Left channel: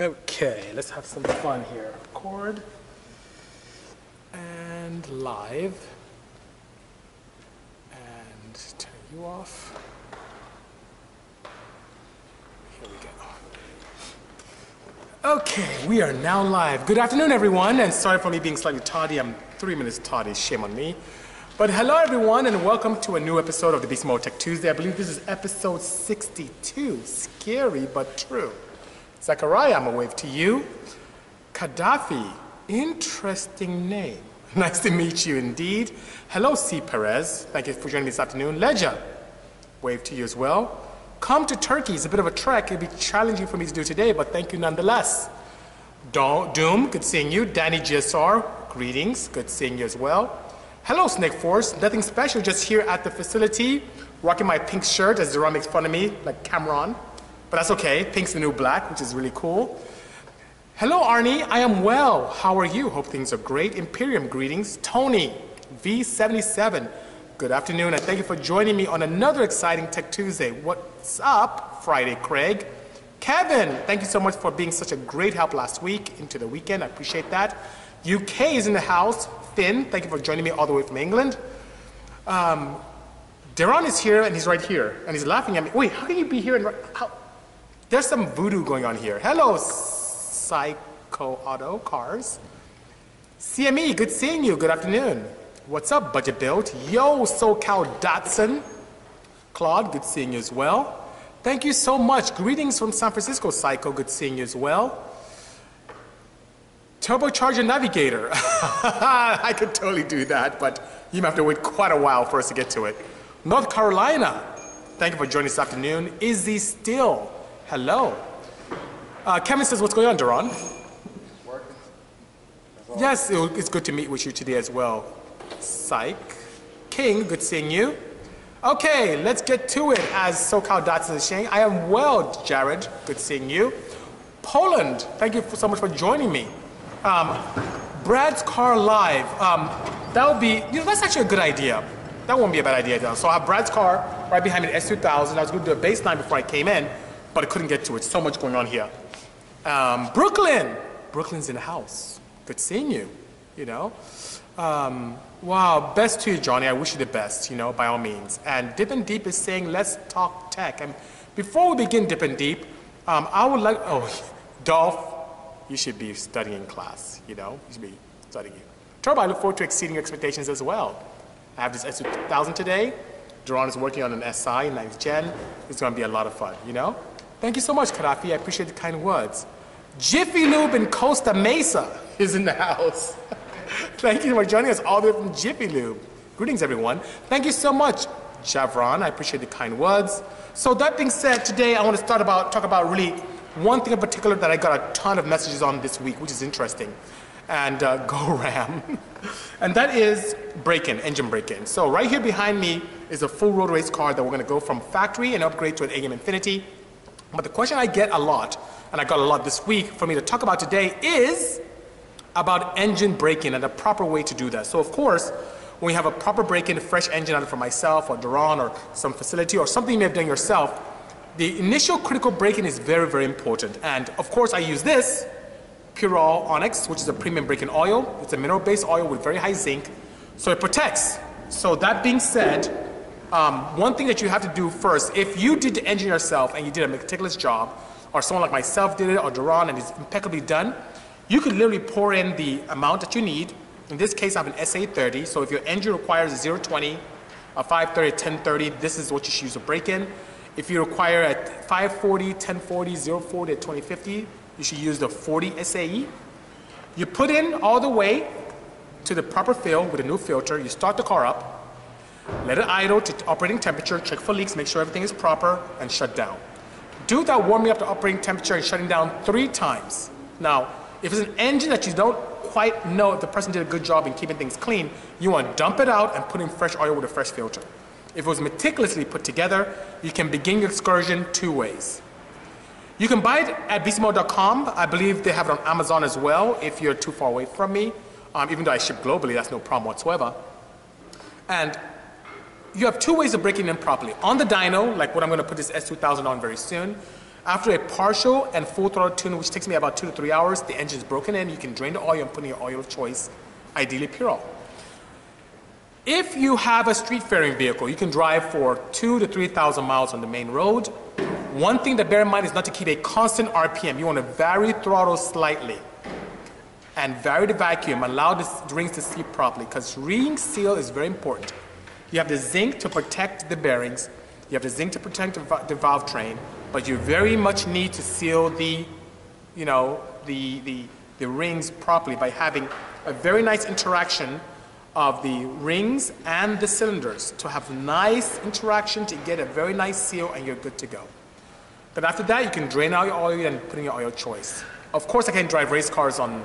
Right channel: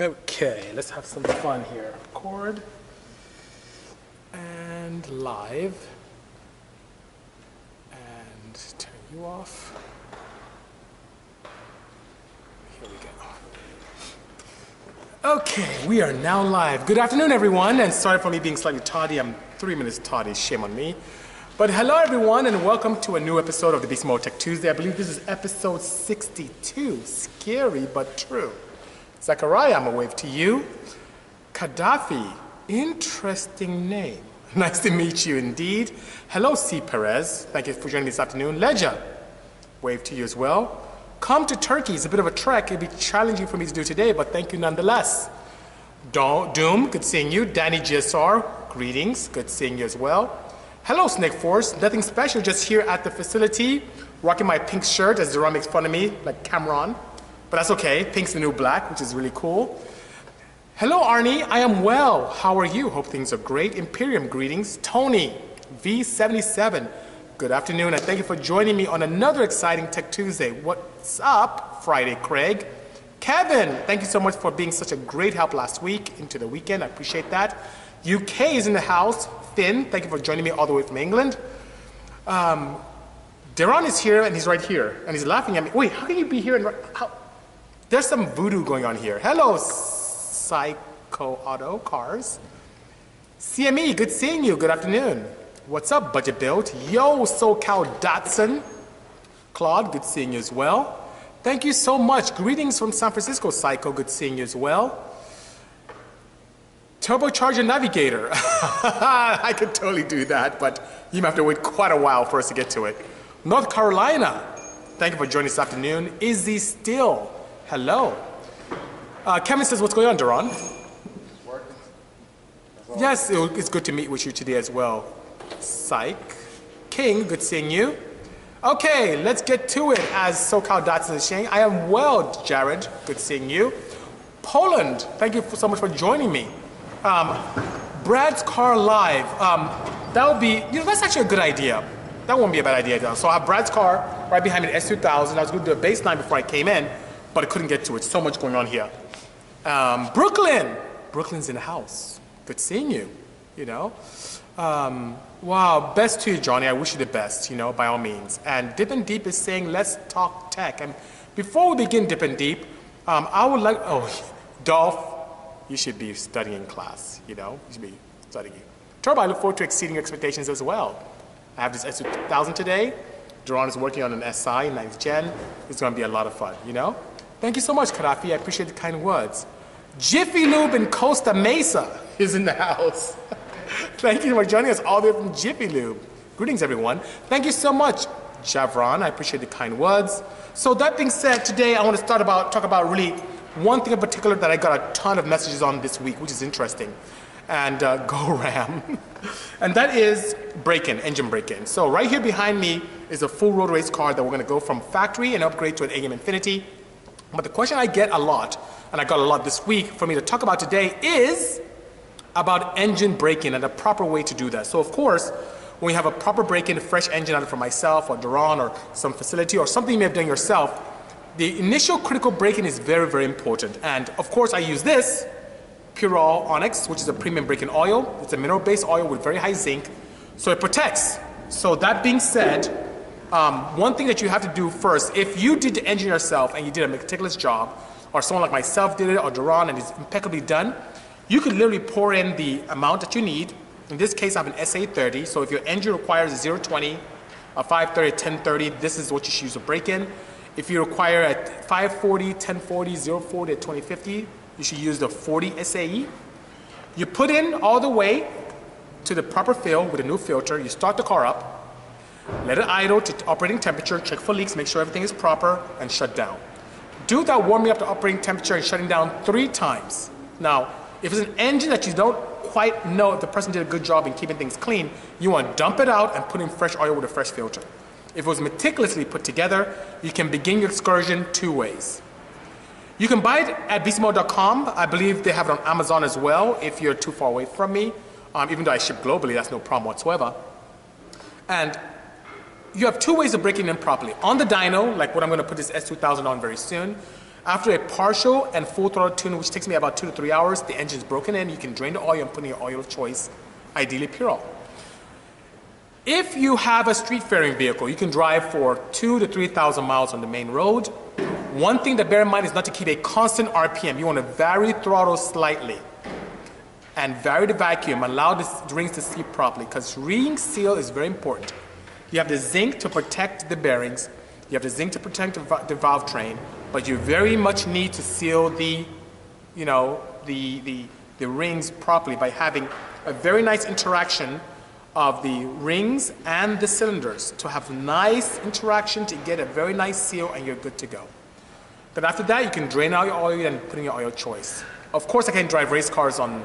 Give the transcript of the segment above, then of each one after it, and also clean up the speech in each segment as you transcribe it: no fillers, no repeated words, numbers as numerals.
Okay, let's have some fun here. Record and live and turn you off. Here we go. Okay, we are now live. Good afternoon, everyone, and sorry for me being slightly tardy. I'm 3 minutes tardy, shame on me. But hello, everyone, and welcome to a new episode of the Bisimoto Tech2sDay. I believe this is episode 62. Scary, but true. Zachariah, I'm a wave to you. Gaddafi, interesting name. Nice to meet you indeed. Hello, C. Perez. Thank you for joining me this afternoon. Ledger, wave to you as well. Come to Turkey. It's a bit of a trek. It'll be challenging for me to do today, but thank you nonetheless. Doom, good seeing you. Danny GSR, greetings. Good seeing you as well. Hello, Snake Force. Nothing special, just here at the facility, rocking my pink shirt as Duran makes fun of me, like Cameron. But that's okay. Pink's the new black, which is really cool. Hello, Arnie. I am well. How are you? Hope things are great. Imperium, greetings. Tony, V77. Good afternoon, and thank you for joining me on another exciting Tech Tuesday. What's up, Friday, Craig? Kevin, thank you so much for being such a great help last week into the weekend. I appreciate that. UK is in the house. Finn, thank you for joining me all the way from England. Deron is here, and he's right here, and he's laughing at me. Wait, how can you be here? There's some voodoo going on here. Hello, Psycho Auto Cars. CME, good seeing you. Good afternoon. What's up, Budget Build? Yo, SoCal Datsun. Claude, good seeing you as well. Thank you so much. Greetings from San Francisco, Psycho. Good seeing you as well. Turbocharger Navigator. I could totally do that, but you might have to wait quite a while for us to get to it. North Carolina. Thank you for joining this afternoon. Izzy Still. Hello. Kevin says, what's going on, Duran? Working. Yes, it's good to meet with you today as well. Psych. King, good seeing you. Okay, let's get to it, as SoCal Datsun is saying. I am well, Jared. Good seeing you. Poland, thank you so much for joining me. Brad's Car Live. That would be, that's actually a good idea. That won't be a bad idea. So I have Brad's car right behind me, the S2000. I was going to do a baseline before I came in, but I couldn't get to it. So much going on here. Brooklyn. Brooklyn's in the house. Good seeing you, Wow, best to you, Johnny. I wish you the best, by all means. And Dippin' Deep is saying, let's talk tech. And before we begin Dippin' Deep, I would like, Dolph, you should be studying class, You should be studying. Turbo, I look forward to exceeding expectations as well. I have this S2000 today. Duran is working on an SI, 9th gen. It's going to be a lot of fun, Thank you so much, Karafi. I appreciate the kind words. Jiffy Lube in Costa Mesa is in the house. Thank you for joining us all the way from Jiffy Lube. Greetings, everyone. Thank you so much, Javron. I appreciate the kind words. So that being said, today I want to talk about really one thing in particular that I got a ton of messages on this week, which is interesting. And go Ram. And that is break-in, engine break-in. So right here behind me is a full road race car that we're going to go from factory and upgrade to an AM Infinity. But the question I get a lot, and I got a lot this week for me to talk about today, is about engine break-in and the proper way to do that. So of course, when you have a proper break-in, a fresh engine either for myself or Duran or some facility or something you may have done yourself, the initial critical break-in is very, very important. And of course, I use this Purol Onyx, which is a premium break-in oil. It's a mineral-based oil with very high zinc, so it protects. So that being said, one thing that you have to do first, if you did the engine yourself and you did a meticulous job, or someone like myself did it, or Duran, and it's impeccably done, you could literally pour in the amount that you need. In this case, I have an SA30, so if your engine requires a 020, a 530, a 1030, this is what you should use to break in. If you require a 540, 1040, 040, a 2050, you should use the 40 SAE. You put in all the way to the proper fill with a new filter. You start the car up, let it idle to operating temperature, check for leaks, make sure everything is proper, and shut down. Do that warming up to operating temperature and shutting down 3 times. Now, if it's an engine that you don't quite know if the person did a good job in keeping things clean, you want to dump it out and put in fresh oil with a fresh filter. If it was meticulously put together, you can begin your excursion 2 ways. You can buy it at Bisimoto.com. I believe they have it on Amazon as well if you're too far away from me. Even though I ship globally, that's no problem whatsoever. And you have 2 ways of breaking in properly. On the dyno, like what I'm going to put this S2000 on very soon, After a partial and full throttle tune, which takes me about 2 to 3 hours, the engine is broken in. You can drain the oil and put in your oil of choice, ideally pure oil. If you have a street-faring vehicle, you can drive for 2,000 to 3,000 miles on the main road. One thing to bear in mind is not to keep a constant RPM. You want to vary throttle slightly and vary the vacuum, allow the rings to seat properly, because ring seal is very important. You have the zinc to protect the bearings, you have the zinc to protect the valve train, but you very much need to seal the rings properly by having a very nice interaction of the rings and the cylinders to have nice interaction to get a very nice seal, and you're good to go. Then after that, you can drain out your oil and put in your oil choice. Of course, I can't drive race cars on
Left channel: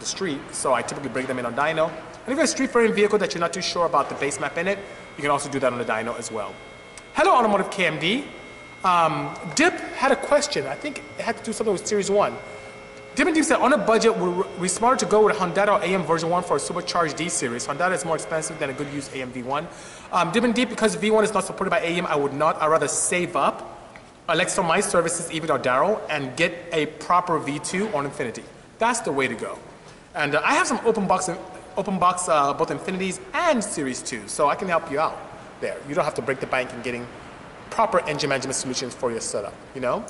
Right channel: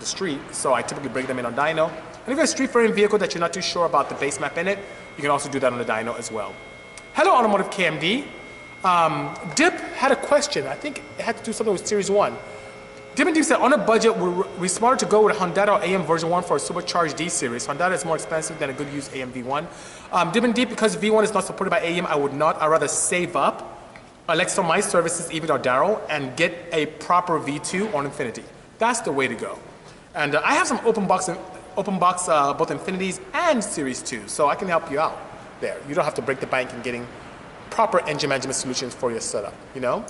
the street, so I typically break them in on dyno. And if you have a street-faring vehicle that you're not too sure about the base map in it, you can also do that on the dyno as well. Hello, Automotive KMD. Dip had a question. I think it had to do something with Series 1. Dip and Deep said, on a budget, would we smarter to go with a Honda or AM version 1 for a supercharged D series? Honda is more expensive than a good used AM V1. Dip and Deep, because V1 is not supported by AM, I would not. I'd rather save up, elect for my services, even or Darrow, and get a proper V2 on Infinity. That's the way to go. And I have some open box both Infinities and Series 2, so I can help you out there. You don't have to break the bank in getting proper engine management solutions for your setup, you know?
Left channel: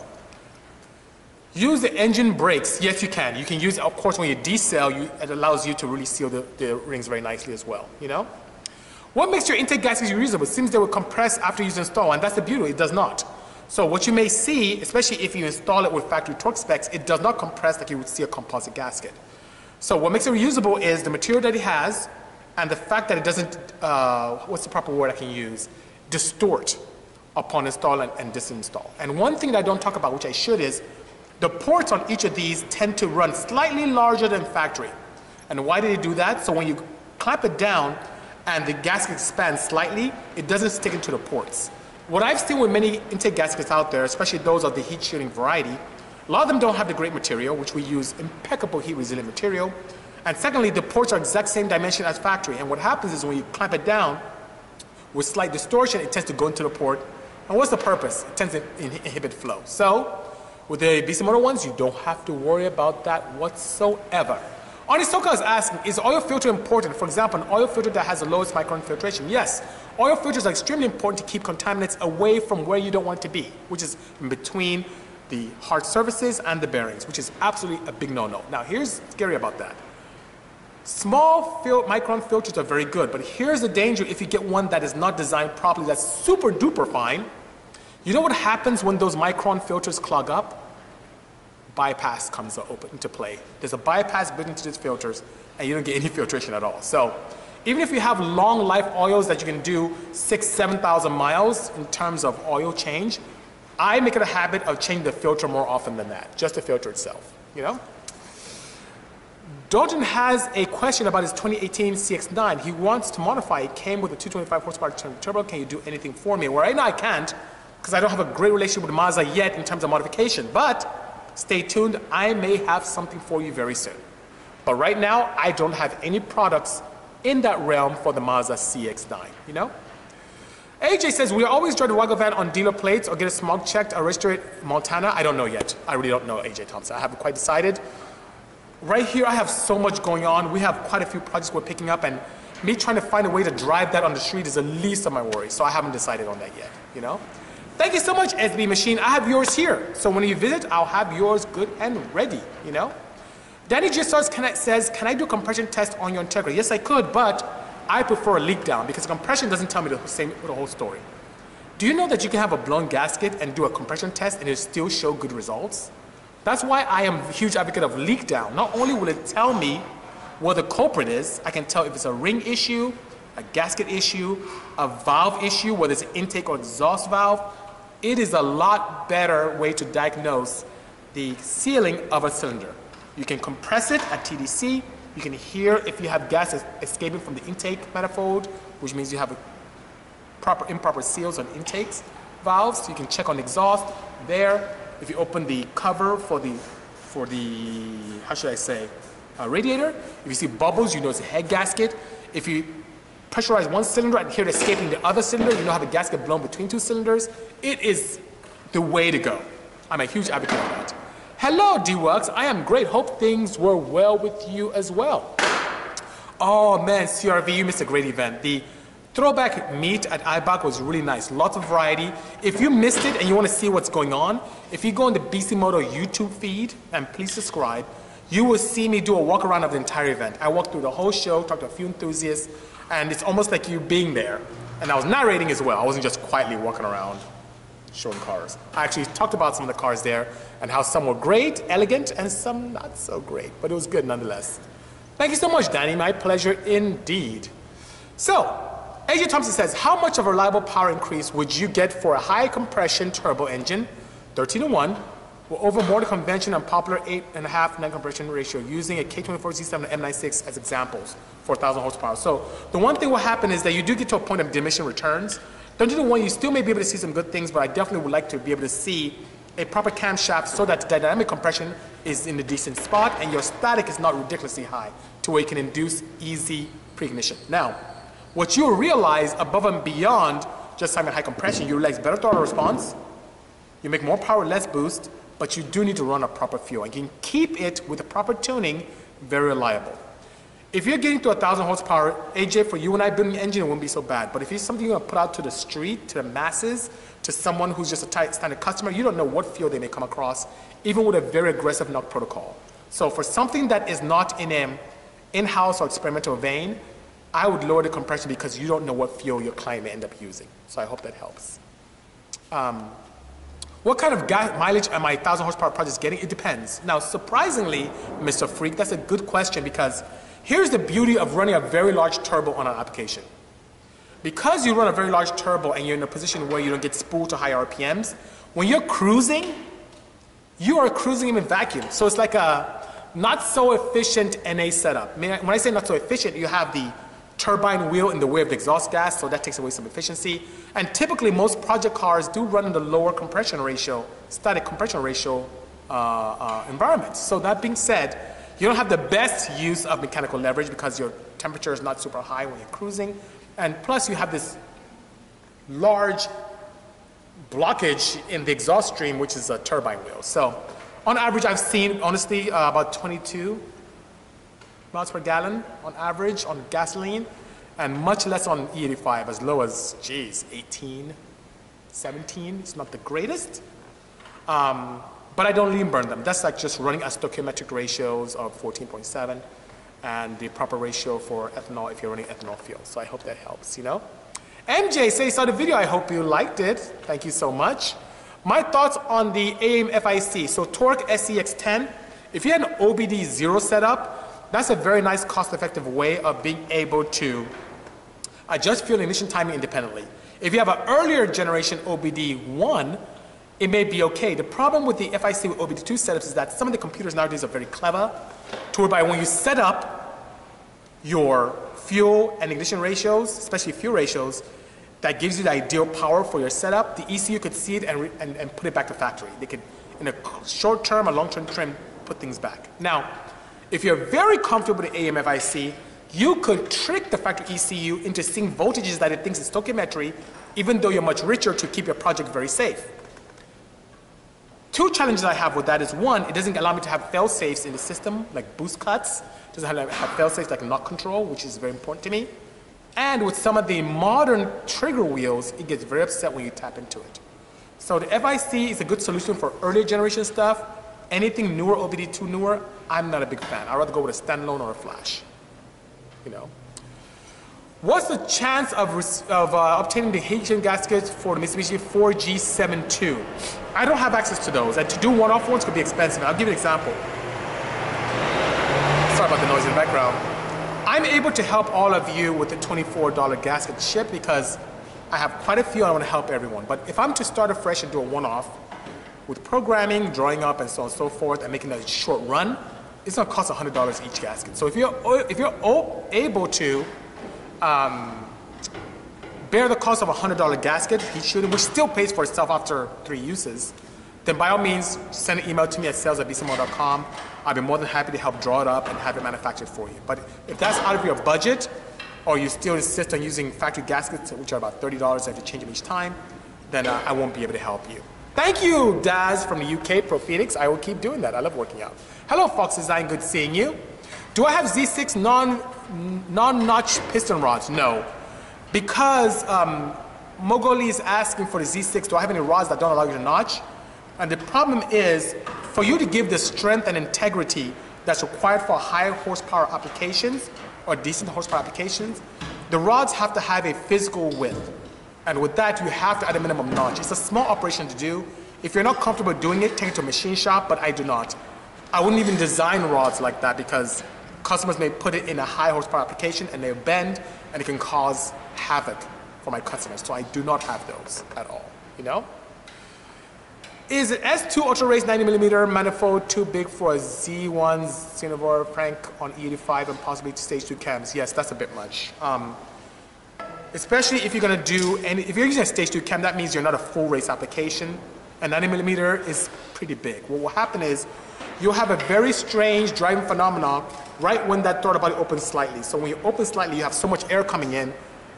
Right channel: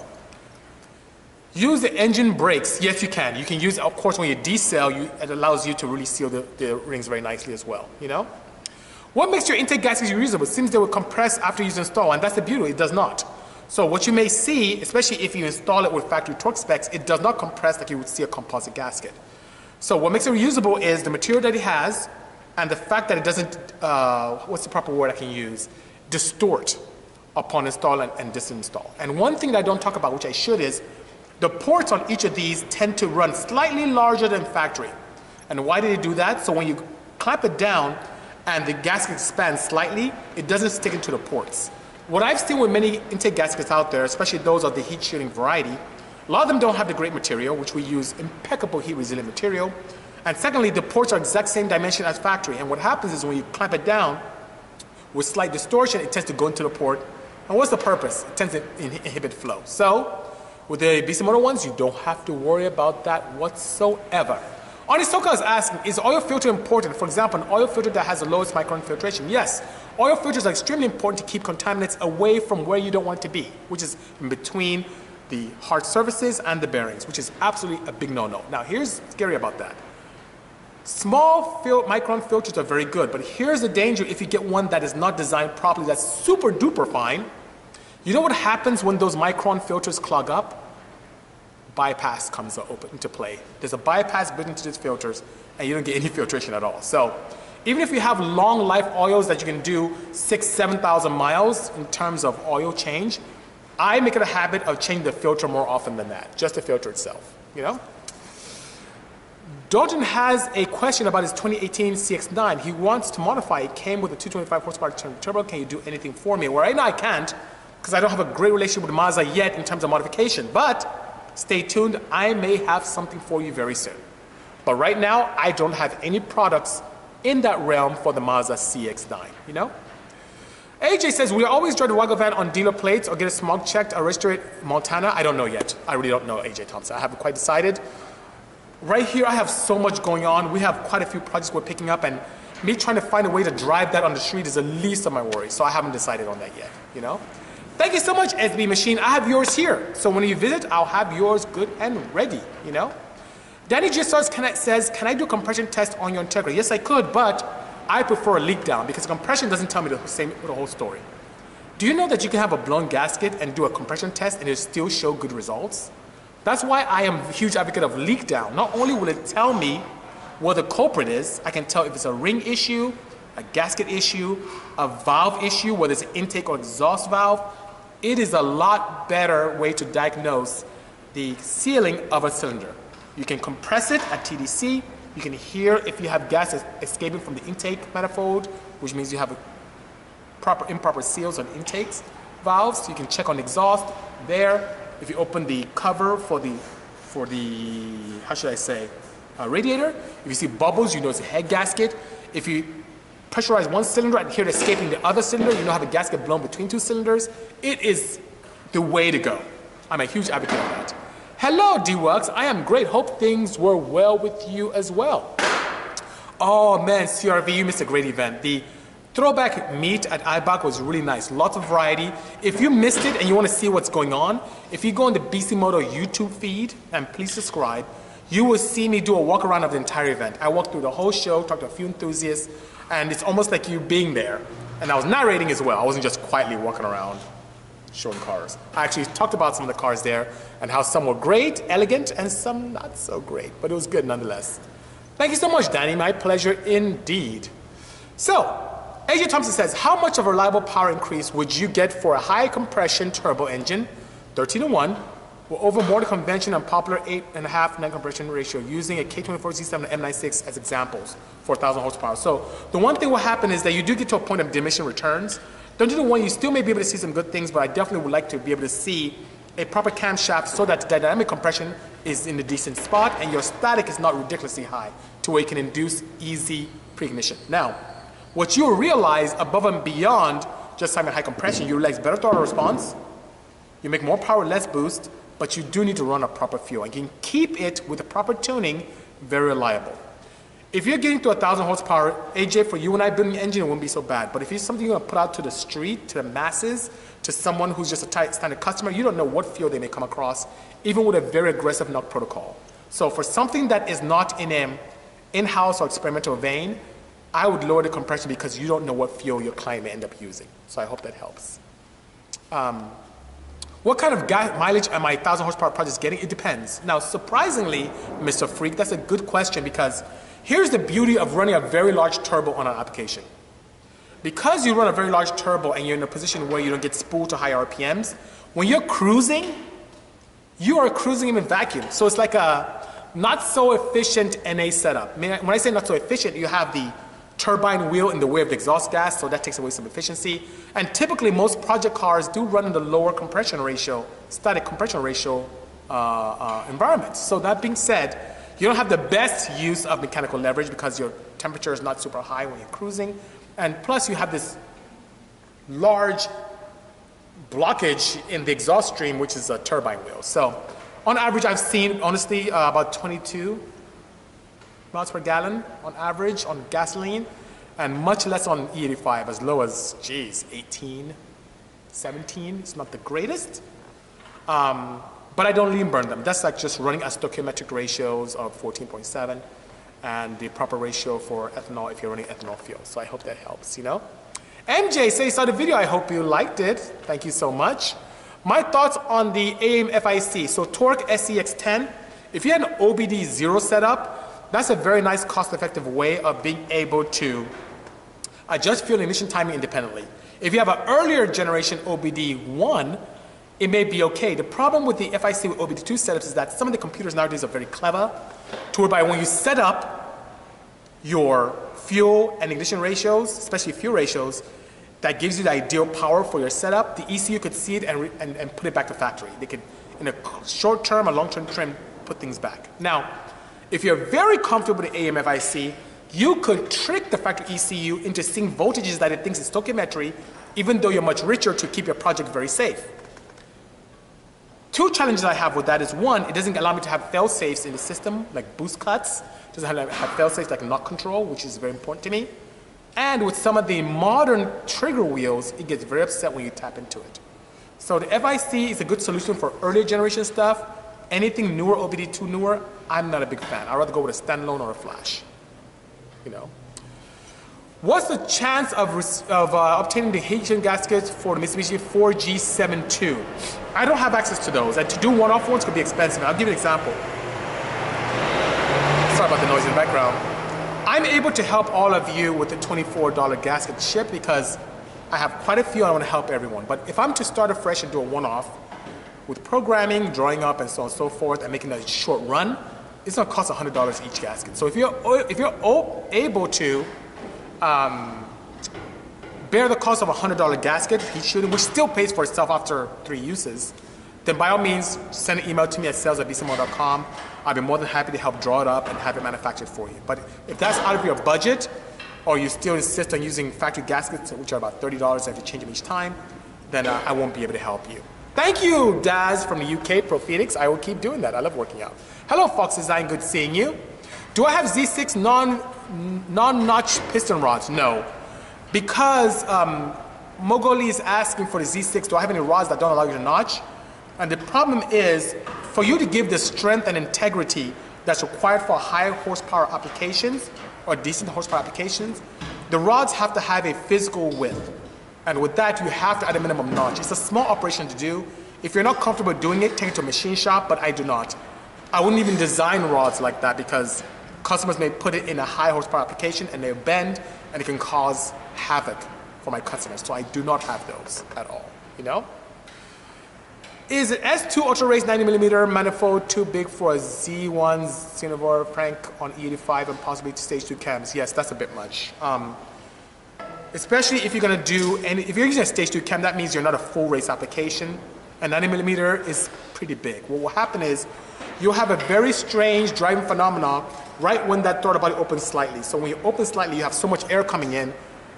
Use the engine brakes. Yes, you can. You can use, of course, when you decel, it allows you to really seal the rings very nicely as well, you know? What makes your intake gaskets reusable? It seems they will compress after you install, and that's the beauty. It does not. So what you may see, especially if you install it with factory torque specs, it does not compress like you would see a composite gasket. So what makes it reusable is the material that it has and the fact that it doesn't, what's the proper word I can use, distort upon install and disinstall. And one thing that I don't talk about, which I should, is the ports on each of these tend to run slightly larger than factory. And why do they do that? So when you clamp it down and the gasket expands slightly, it doesn't stick into the ports. What I've seen with many intake gaskets out there, especially those of the heat shielding variety, a lot of them don't have the great material, which we use impeccable heat resilient material. And secondly, the ports are exact same dimension as factory. And what happens is when you clamp it down with slight distortion, it tends to go into the port. And what's the purpose? It tends to inhibit flow. So with the Bisimoto ones, you don't have to worry about that whatsoever. Onisoka is asking, is oil filter important? For example, an oil filter that has the lowest micron filtration. Yes, oil filters are extremely important to keep contaminants away from where you don't want to be, which is in between the hard surfaces and the bearings, which is absolutely a big no-no. Now, here's scary about that. Small micron filters are very good, but here's the danger if you get one that is not designed properly, that's super duper fine. You know what happens when those micron filters clog up? Bypass comes into play. There's a bypass built into these filters, and you don't get any filtration at all. So even if you have long life oils that you can do 6,000 to 7,000 miles in terms of oil change, I make it a habit of changing the filter more often than that, just the filter itself, you know? Dalton has a question about his 2018 CX-9. He wants to modify. It came with a 225 horsepower turbo. Can you do anything for me? Well, right now I can't, because I don't have a great relationship with Mazda yet in terms of modification, but stay tuned. I may have something for you very soon. But right now, I don't have any products in that realm for the Mazda CX-9, you know? AJ says, we always drive the Waggle van on dealer plates or get a smog checked or register it in Montana. I don't know yet. I really don't know, AJ Thompson. I haven't quite decided. Right here, I have so much going on. We have quite a few projects we're picking up, and me trying to find a way to drive that on the street is the least of my worries. So I haven't decided on that yet, you know? Thank you so much, SB Machine. I have yours here. So when you visit, I'll have yours good and ready, you know? Danny G. says, can I do a compression test on your Integra? Yes, I could, but I prefer a leak down because compression doesn't tell me the whole story. Do you know that you can have a blown gasket and do a compression test and it still show good results? That's why I am a huge advocate of leak down. Not only will it tell me what the culprit is, I can tell if it's a ring issue, a gasket issue, a valve issue, whether it's an intake or exhaust valve. It is a lot better way to diagnose the sealing of a cylinder. You can compress it at TDC. You can hear if you have gas escaping from the intake manifold, which means you have improper seals on intakes valves. You can check on the exhaust there. If you open the cover for the how should I say, radiator, if you see bubbles, you know it's a head gasket. If you pressurize one cylinder and hear it escaping the other cylinder, you know have a gasket blown between two cylinders. It is the way to go. I'm a huge advocate of that. Hello, D-Works. I am great. Hope things were well with you as well. Oh man, CRV, you missed a great event. The throwback meet at IBOC was really nice. Lots of variety. If you missed it and you want to see what's going on, if you go on the Bisimoto YouTube feed, and please subscribe, you will see me do a walk around of the entire event. I walked through the whole show, talked to a few enthusiasts, and it's almost like you being there. And I was narrating as well. I wasn't just quietly walking around showing cars. I actually talked about some of the cars there and how some were great, elegant, and some not so great, but it was good nonetheless. Thank you so much, Danny. My pleasure indeed. So, AJ Thompson says, how much of a reliable power increase would you get for a high compression turbo engine, 13-to-1, over more than conventional and popular 8.5 net compression ratio using a K24Z7 and M96 as examples for 1,000 horsepower? So the one thing will happen is that you do get to a point of diminishing returns. 13-to-1, you still may be able to see some good things, but I definitely would like to be able to see a proper camshaft so that the dynamic compression is in a decent spot and your static is not ridiculously high to where you can induce easy preignition. Now, what you'll realize above and beyond just having high compression, you realize better throttle response, you make more power, less boost, but you do need to run a proper fuel. And you can keep it with the proper tuning very reliable. If you're getting to 1,000 horsepower, AJ, for you and I building an engine, it wouldn't be so bad. But if it's something you're going to put out to the street, to the masses, to someone who's just a standard customer, you don't know what fuel they may come across, even with a very aggressive knock protocol. So for something that is not in an in-house or experimental vein, I would lower the compression because you don't know what fuel your client may end up using. So I hope that helps. What kind of gas mileage am my 1,000 horsepower projects getting? It depends. Now, surprisingly, Mr. Freak, that's a good question because here's the beauty of running a very large turbo on an application. Because you run a very large turbo and you're in a position where you don't get spooled to high RPMs, when you're cruising, you are cruising in a vacuum. So it's like a not so efficient NA setup. When I say not so efficient, you have the turbine wheel in the way of the exhaust gas, so that takes away some efficiency. And typically, most project cars do run in the lower compression ratio, static compression ratio environments. So that being said, you don't have the best use of mechanical leverage because your temperature is not super high when you're cruising. And plus, you have this large blockage in the exhaust stream, which is a turbine wheel. So on average, I've seen, honestly, about 22 miles per gallon on average on gasoline, and much less on E85, as low as, geez, 18, 17. It's not the greatest, but I don't lean burn them. That's like just running at stoichiometric ratios of 14.7 and the proper ratio for ethanol if you're running ethanol fuel. So I hope that helps, you know. MJ says, saw the video. I hope you liked it. Thank you so much. My thoughts on the AIM-FIC. So Torque SEX10, if you had an OBD0 setup, that's a very nice cost-effective way of being able to adjust fuel and ignition timing independently. If you have an earlier generation OBD1, it may be okay. The problem with the FIC with OBD2 setups is that some of the computers nowadays are very clever, to whereby when you set up your fuel and ignition ratios, especially fuel ratios, that gives you the ideal power for your setup, the ECU could see it and put it back to factory. They could, in a short-term or long-term trim, put things back. Now, if you're very comfortable with the AIM-FIC, you could trick the factory ECU into seeing voltages that it thinks is stoichiometry, even though you're much richer to keep your project very safe. Two challenges I have with that is, one, it doesn't allow me to have fail-safes in the system, like boost cuts. It doesn't have fail-safes like knock control, which is very important to me. And with some of the modern trigger wheels, it gets very upset when you tap into it. So the FIC is a good solution for earlier generation stuff. Anything newer, OBD2 newer, I'm not a big fan. I'd rather go with a standalone or a flash, you know. What's the chance of obtaining the heat gaskets for the Mitsubishi 4G72? I don't have access to those, and to do one-off ones could be expensive. I'll give you an example. Sorry about the noise in the background. I'm able to help all of you with the $24 gasket ship because I have quite a few and I want to help everyone. But if I'm to start afresh and do a one-off with programming, drawing up, and so on and so forth, and making a short run, it's going to cost $100 each gasket. So if you're able to bear the cost of a $100 gasket, heat shooting, which still pays for itself after 3 uses, then by all means, send an email to me at sales@bisimoto.com. I'll be more than happy to help draw it up and have it manufactured for you. But if that's out of your budget, or you still insist on using factory gaskets, which are about $30 and have to change them each time, then I won't be able to help you. Thank you, Daz from the UK, Pro Phoenix. I will keep doing that. I love working out. Hello, Fox Design. Good seeing you. Do I have Z6 non-notch piston rods? No. Because Mogoli is asking for the Z6, do I have any rods that don't allow you to notch? And the problem is, for you to give the strength and integrity that's required for higher horsepower applications or decent horsepower applications, the rods have to have a physical width. And with that, you have to add a minimum notch. It's a small operation to do. If you're not comfortable doing it, take it to a machine shop, but I do not. I wouldn't even design rods like that because customers may put it in a high horsepower application and they bend and it can cause havoc for my customers. So I do not have those at all, you know? Is an S2 Ultra Race 90mm manifold too big for a Z1 Xenovor crank on E85 and possibly stage 2 cams? Yes, that's a bit much. Especially if you're going to do if you're using a stage 2 cam, that means you're not a full race application. And 90mm is pretty big. What will happen is you'll have a very strange driving phenomenon right when that throttle body opens slightly. So when you open slightly, you have so much air coming in,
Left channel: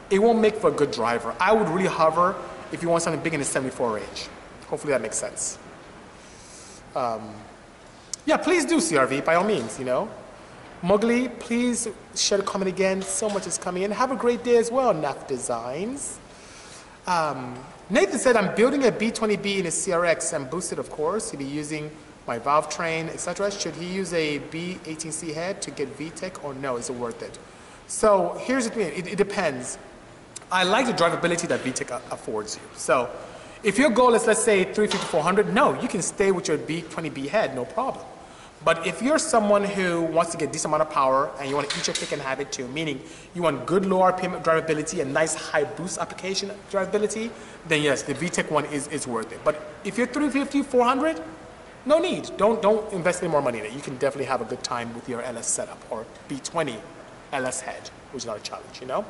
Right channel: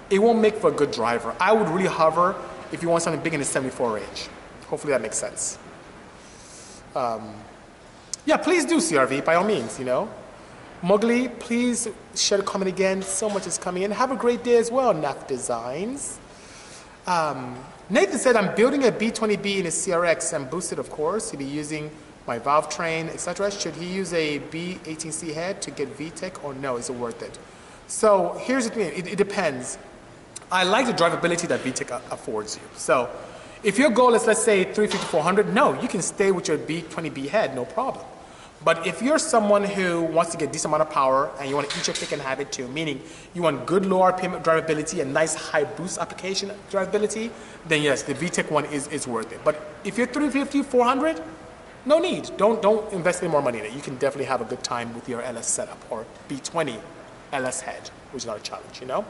it won't make for a good driver. I would really hover if you want something big in the 74 range. Hopefully that makes sense. Yeah, please do CRV, by all means, you know. Mowgli, please share a comment again. So much is coming in. Have a great day as well, NAF Designs. Nathan said, I'm building a B20B in a CRX and boosted, of course. He'll be using my valve train, etc. Should he use a B18C head to get VTEC or no? Is it worth it? So here's the thing. It depends. I like the drivability that VTEC affords you. So if your goal is, let's say, 350, 400, no, you can stay with your B20B head, no problem. But if you're someone who wants to get a decent amount of power and you want to eat your pick and have it too, meaning you want good low RPM drivability and nice high boost application drivability, then yes, the VTEC one is worth it. But if you're 350, 400, no need. Don't invest any more money in it. You can definitely have a good time with your LS setup or B20 LS head, which is not a challenge, you know?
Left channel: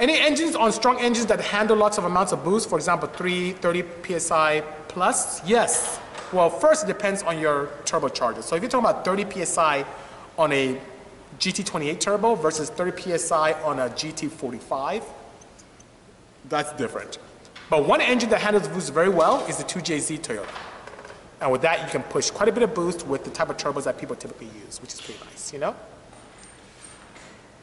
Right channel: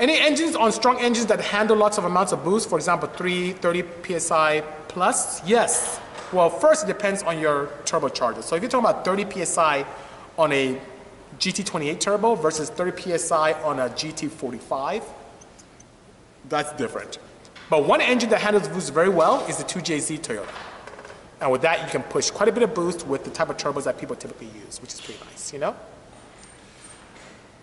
Any engines on strong engines that handle lots of amounts of boost, for example, 30 PSI plus? Yes. Well, first it depends on your turbocharger. So if you're talking about 30 PSI on a GT28 turbo versus 30 PSI on a GT45, that's different. But one engine that handles boost very well is the 2JZ Toyota. And with that, you can push quite a bit of boost with the type of turbos that people typically use, which is pretty nice, you know?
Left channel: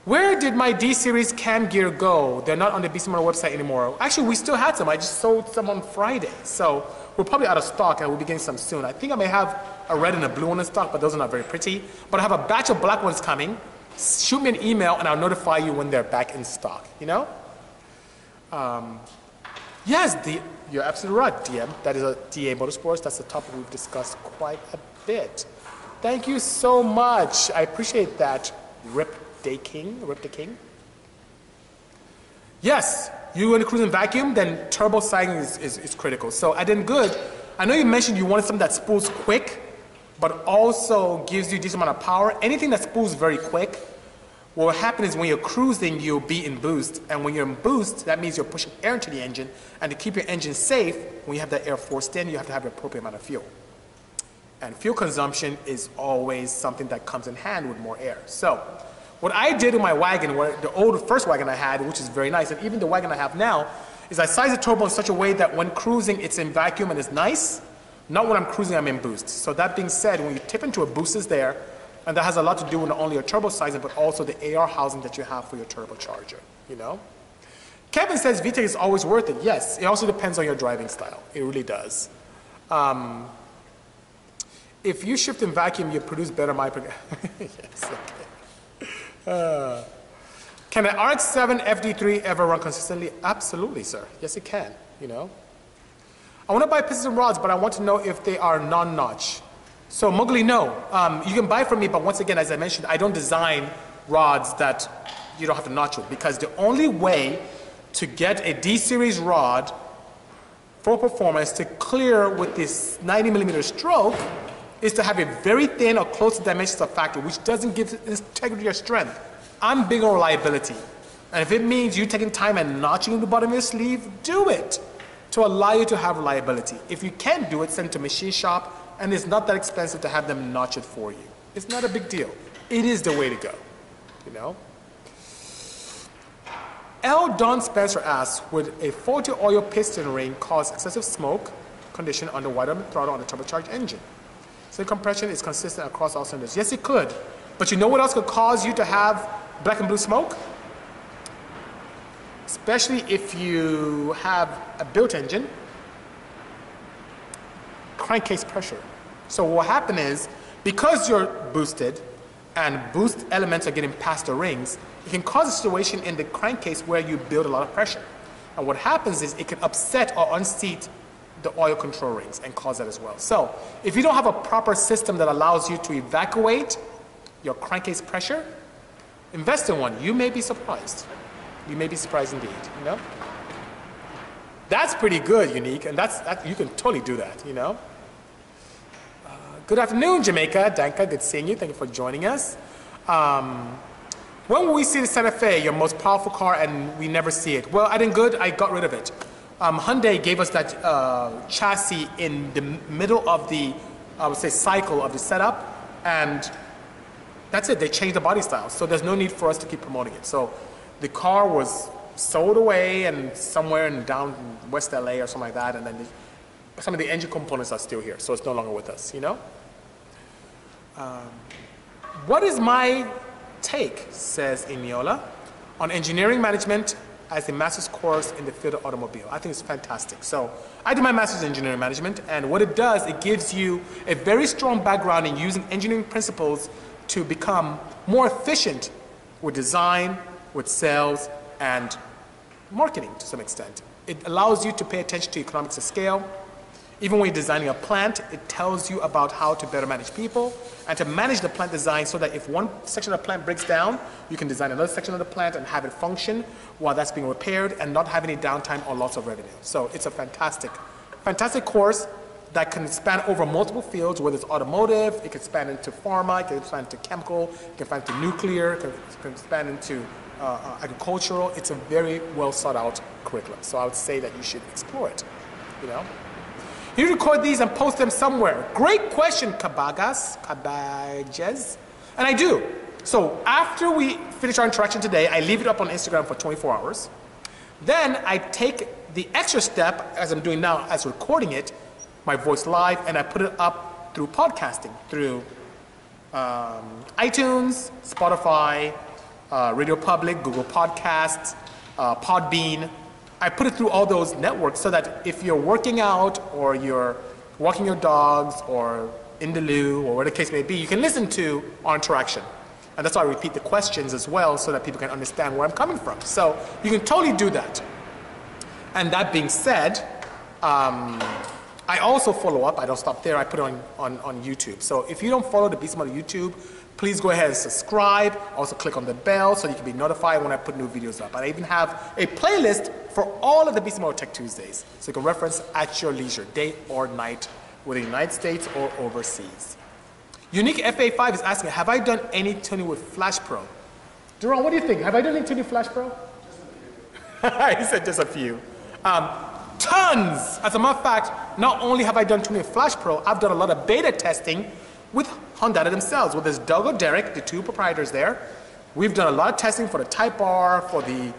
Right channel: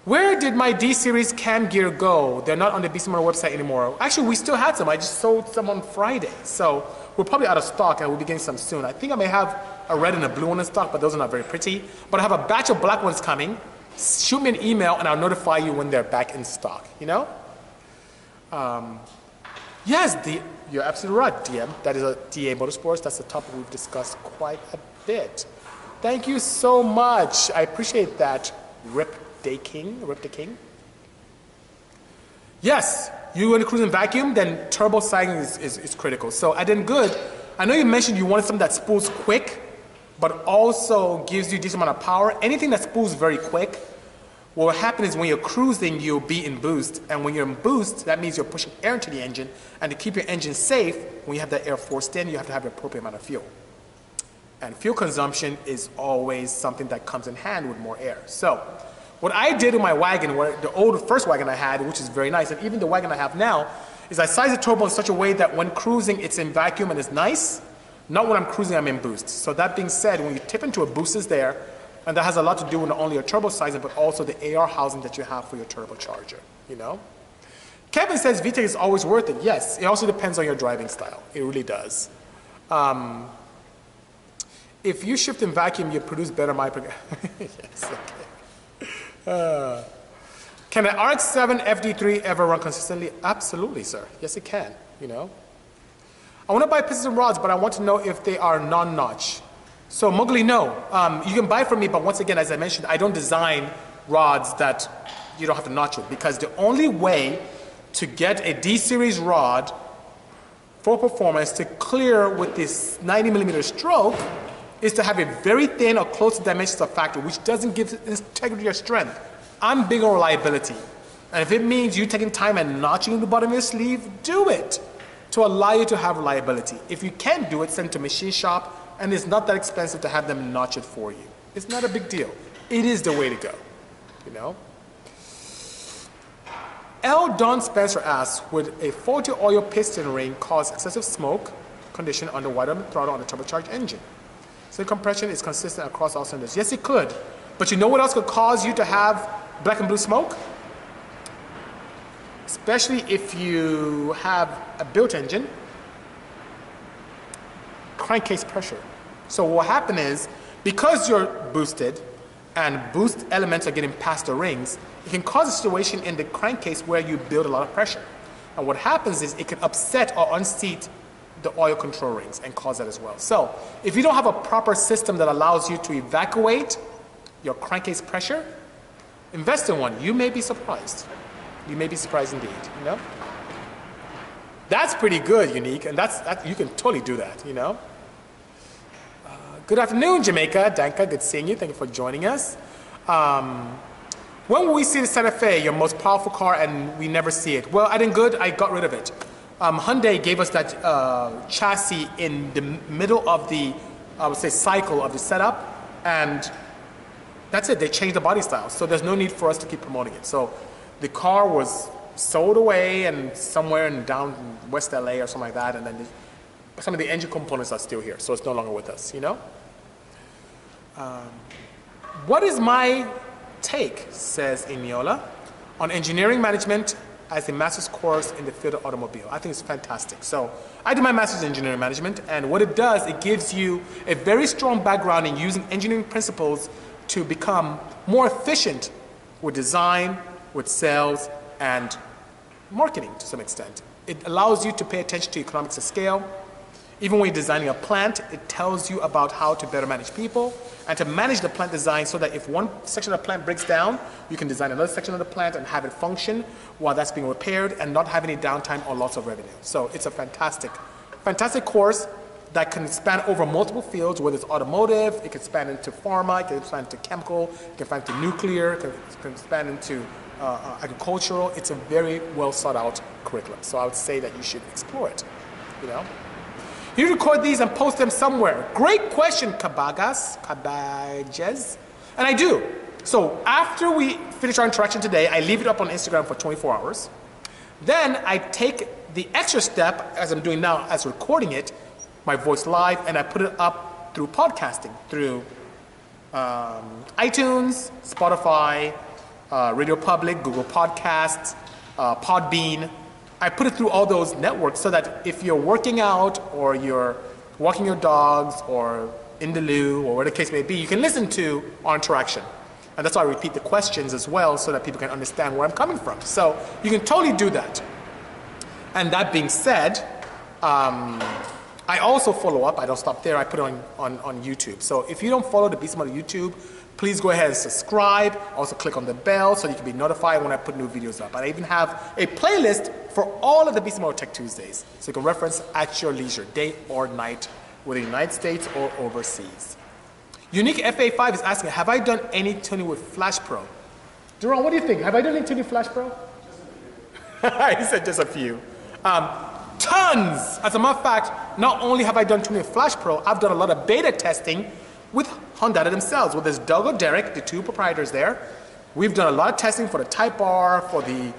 Where did my D-Series cam gear go? They're not on the Bisimoto website anymore. Actually, we still had some. I just sold some on Friday. So we're probably out of stock and we'll be getting some soon. I think I may have a red and a blue one in stock, but those are not very pretty. But I have a batch of black ones coming. Shoot me an email and I'll notify you when they're back in stock, you know? Yes, you're absolutely right, DM. That is a DA Motorsports. That's a topic we've discussed quite a bit. Thank you so much. I appreciate that, Rip the King. Yes, you want to cruise in vacuum, then turbo sighting is critical. So at Den Good, I know you mentioned you wanted something that spools quick, but also gives you a decent amount of power. Anything that spools very quick, what will happen is when you're cruising, you'll be in boost. And when you're in boost, that means you're pushing air into the engine. And to keep your engine safe, when you have that air forced in, you have to have the appropriate amount of fuel. And fuel consumption is always something that comes in hand with more air. So what I did in my wagon, the first wagon I had, which is very nice, and even the wagon I have now, is I size the turbo in such a way that when cruising, it's in vacuum and it's nice. Not when I'm cruising, I'm in boost. So that being said, when you tip into a boost is there, and that has a lot to do with not only your turbo sizing, but also the AR housing that you have for your turbocharger, you know? Kevin says VTEC is always worth it. Yes, it also depends on your driving style. It really does. If you shift in vacuum, you produce better yes, okay. Can an RX-7 FD3 ever run consistently? Absolutely, sir. Yes, it can, you know. I want to buy pistons and rods, but I want to know if they are non-notch. So Mowgli, no. You can buy from me, but once again, as I mentioned, I don't design rods that you don't have to notch with, because the only way to get a D-series rod for performance to clear with this 90mm stroke is to have a very thin or close to dimensions of factor, which doesn't give integrity or strength. I'm big on reliability. And if it means you taking time and notching the bottom of your sleeve, do it to allow you to have reliability. If you can't do it, send it to a machine shop, and it's not that expensive to have them notch it for you. It's not a big deal. It is the way to go, you know? L. Don Spencer asks, would a faulty oil piston ring cause excessive smoke condition under wide open throttle on a turbocharged engine. So compression is consistent across all cylinders. Yes, it could. But you know what else could cause you to have black and blue smoke? Especially if you have a built engine, crankcase pressure. So what will happen is, because you're boosted and boost elements are getting past the rings, it can cause a situation in the crankcase where you build a lot of pressure. And what happens is it can upset or unseat the oil control rings and cause that as well. So if you don't have a proper system that allows you to evacuate your crankcase pressure, invest in one. You may be surprised. You may be surprised indeed, you know? That's pretty good, Unique, and you can totally do that, you know? Good afternoon, Jamaica. Danka, good seeing you. Thank you for joining us. When will we see the Santa Fe, your most powerful car, and we never see it? Well, I did good. I got rid of it. Hyundai gave us that chassis in the middle of the, I would say, cycle of the setup, and that's it. They changed the body style, so there's no need for us to keep promoting it. So the car was sold away and somewhere in down West LA or something like that, and then some of the engine components are still here, so it's no longer with us, you know? What is my take, says Eniola, on engineering management as a master's course in the field of automobile? I think it's fantastic. So I did my master's in engineering management, and what it does, it gives you a very strong background in using engineering principles to become more efficient with design, with sales, and marketing to some extent. It allows you to pay attention to economics of scale. Even when you're designing a plant, it tells you about how to better manage people and to manage the plant design so that if one section of the plant breaks down, you can design another section of the plant and have it function while that's being repaired and not have any downtime or loss of revenue. So it's a fantastic, fantastic course that can span over multiple fields, whether it's automotive, it can span into pharma, it can span into chemical, it can span into nuclear, it can span into agricultural. It's a very well sought out curriculum. So I would say that you should explore it, you know. You record these and post them somewhere. Great question, Cabages. And I do. So after we finish our interaction today, I leave it up on Instagram for 24 hours. Then I take the extra step, as I'm doing now, as recording it, my voice live, and I put it up through podcasting, through iTunes, Spotify, Radio Public, Google Podcasts, Podbean. I put it through all those networks so that if you're working out or you're walking your dogs or in the loo or whatever the case may be, you can listen to our interaction. And that's why I repeat the questions as well so that people can understand where I'm coming from. So you can totally do that. And that being said, I also follow up. I don't stop there. I put it on YouTube. So if you don't follow the Bisimoto YouTube, please go ahead and subscribe. Also click on the bell so you can be notified when I put new videos up. And I even have a playlist for all of the Bisimoto Tech Tuesdays. So you can reference at your leisure, day or night, whether in the United States or overseas. Unique FA5 is asking, have I done any tuning with Flash Pro? Duran, what do you think? Have I done any tuning with Flash Pro? Just a few. He said just a few. Tons! As a matter of fact, not only have I done tuning with Flash Pro, I've done a lot of beta testing with Honda themselves, with this Doug or Derek, the two proprietors there. We've done a lot of testing for the Type R, for the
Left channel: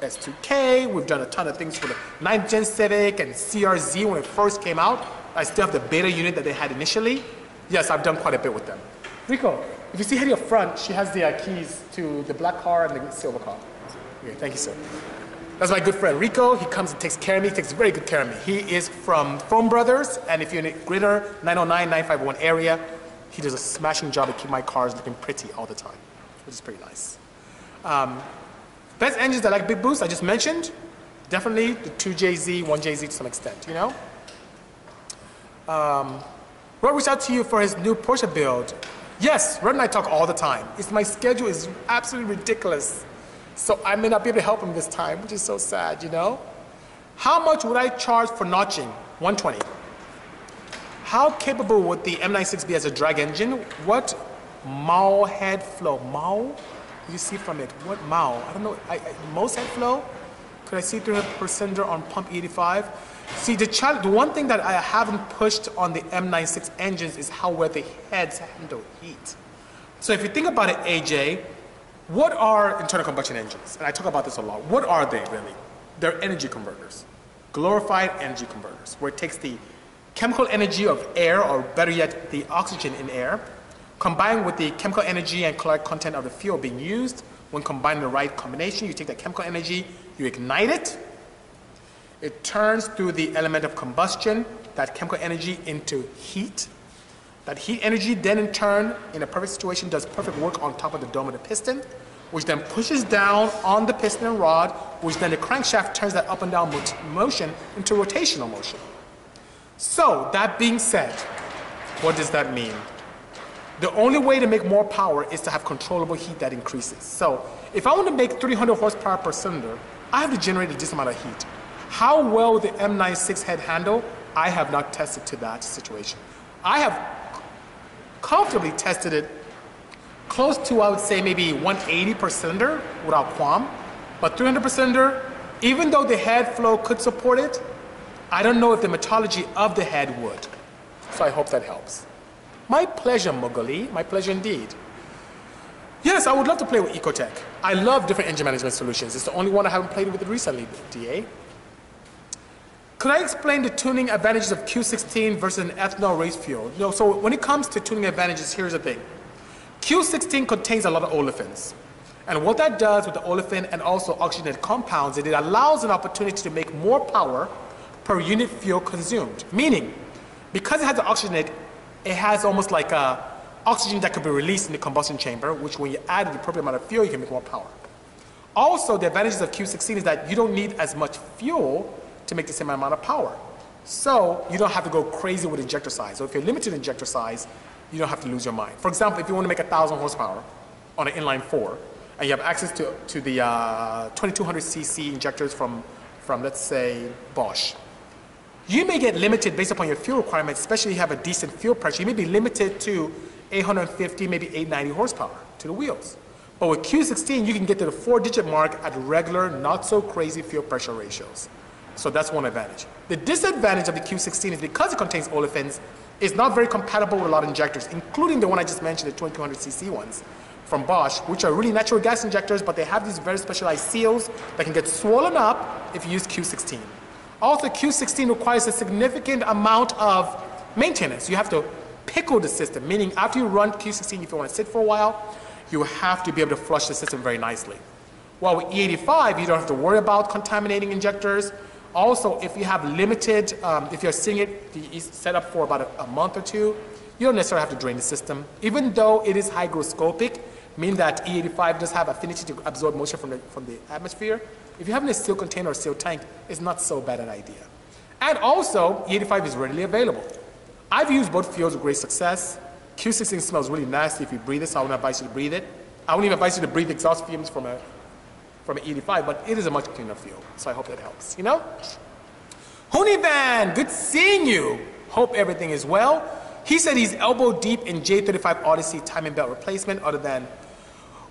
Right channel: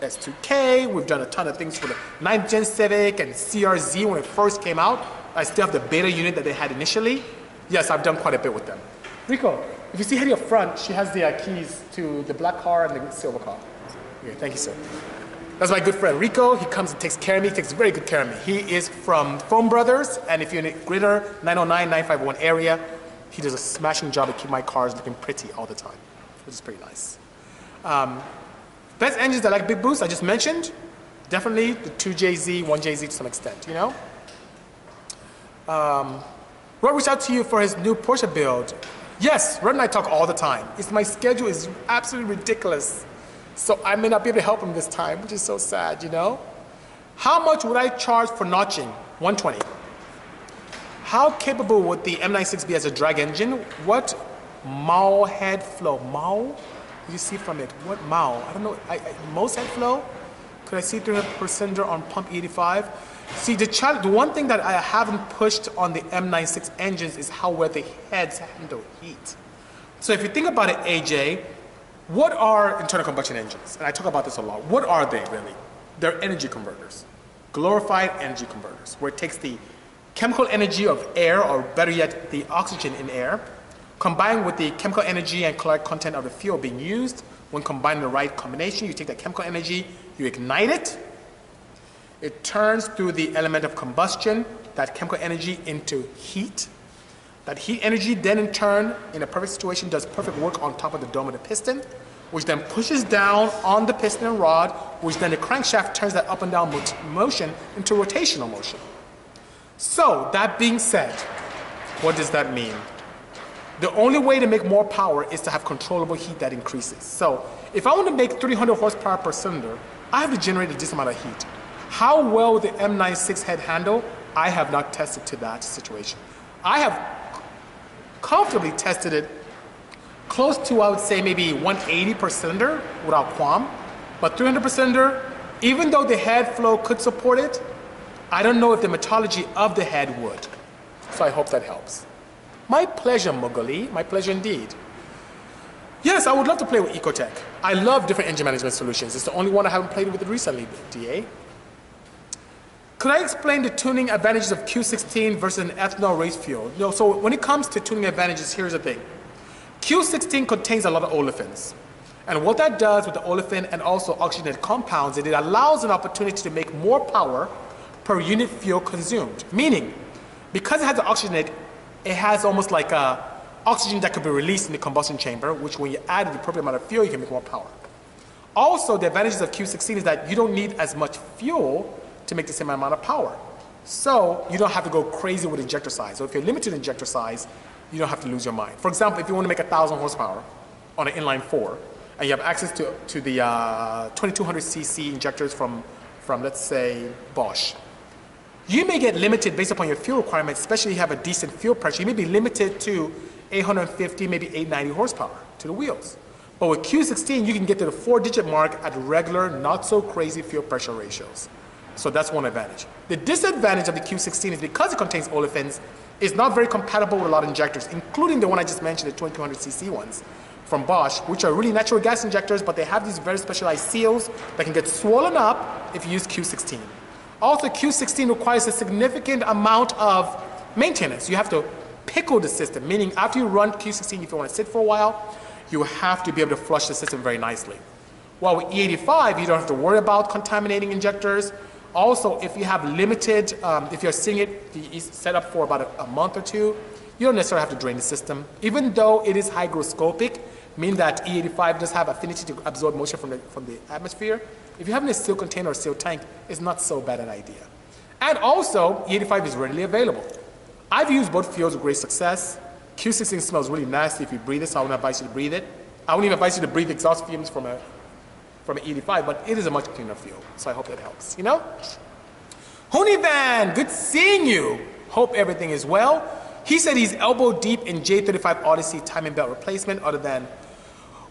S2K. We've done a ton of things for the 9th Gen Civic and CRZ when it first came out. I still have the beta unit that they had initially. Yes, I've done quite a bit with them. Rico, if you see Hetty up front, she has the keys to the black car and the silver car. Okay, thank you, sir. That's my good friend Rico. He comes and takes care of me. He takes very good care of me. He is from Foam Brothers, and if you're in the greater 909, 951 area, he does a smashing job of keeping my cars looking pretty all the time, which is pretty nice. Best engines that like big boost, I just mentioned. Definitely the 2JZ, 1JZ to some extent, you know? Rod reached out to you for his new Porsche build. Yes, Rod and I talk all the time. My schedule is absolutely ridiculous. So I may not be able to help him this time, which is so sad, you know? How much would I charge for notching? 120. How capable would the M96 be as a drag engine? What Mao head flow? Mao? You see from it. What Mao? I don't know. Most head flow? Could I see 300 cylinder on pump 85? See, the one thing that I haven't pushed on the M96 engines is how well the heads handle heat. So if you think about it, AJ, what are internal combustion engines? And I talk about this a lot. What are they really? They're energy converters. Glorified energy converters, where it takes the chemical energy of air, or better yet, the oxygen in air, combined with the chemical energy and caloric content of the fuel being used. When combined in the right combination, you take that chemical energy, you ignite it. It turns through the element of combustion, that chemical energy, into heat. That heat energy then in turn, in a perfect situation, does perfect work on top of the dome of the piston, which then pushes down on the piston and rod, which then the crankshaft turns that up and down motion into rotational motion. So, that being said, what does that mean? The only way to make more power is to have controllable heat that increases. So, if I want to make 300 horsepower per cylinder, I have to generate a decent amount of heat. How well will the M96 head handle? I have not tested to that situation. I have comfortably tested it close to, I would say, maybe 180 per cylinder without qualm. But 300 per cylinder, even though the head flow could support it, I don't know if the metallurgy of the head would. So I hope that helps. My pleasure, Mughali. My pleasure indeed. Yes, I would love to play with Ecotech. I love different engine management solutions. It's the only one I haven't played with recently, DA. Could I explain the tuning advantages of Q16 versus an ethanol race fuel? No, so when it comes to tuning advantages, here's the thing. Q16 contains a lot of olefins. And what that does with the olefin and also oxygenated compounds is it allows an opportunity to make more power per unit fuel consumed. Meaning, because it has the oxygenate, it has almost like oxygen that could be released in the combustion chamber, which when you add the appropriate amount of fuel, you can make more power. Also, the advantages of Q16 is that you don't need as much fuel to make the same amount of power. So you don't have to go crazy with injector size. So if you're limited in injector size, you don't have to lose your mind. For example, if you want to make 1,000 horsepower on an inline 4, and you have access to the 2200cc injectors from, let's say, Bosch, you may get limited based upon your fuel requirements, especially if you have a decent fuel pressure. You may be limited to 850, maybe 890 horsepower to the wheels. But with Q16, you can get to the 4-digit mark at regular, not so crazy fuel pressure ratios. So that's one advantage. The disadvantage of the Q16 is because it contains olefins, it's not very compatible with a lot of injectors, including the one I just mentioned, the 2200cc ones from Bosch, which are really natural gas injectors, but they have these very specialized seals that can get swollen up if you use Q16. Also, Q16 requires a significant amount of maintenance. You have to pickle the system, meaning after you run Q16, if you want to sit for a while, you have to be able to flush the system very nicely. While with E85, you don't have to worry about contaminating injectors. Also, if you have limited, if you're seeing it set up for about a month or two, you don't necessarily have to drain the system. Even though it is hygroscopic, meaning that E85 does have affinity to absorb moisture from the atmosphere, if you have a sealed container or sealed tank, it's not so bad an idea. And also, E85 is readily available. I've used both fuels with great success. Q16 smells really nasty if you breathe it, so I wouldn't advise you to breathe it. I wouldn't even advise you to breathe exhaust fumes from an E85, but it is a much cleaner fuel, so I hope that helps, you know? Hooney Van, good seeing you. Hope everything is well. He said he's elbow deep in J35 Odyssey timing belt replacement other than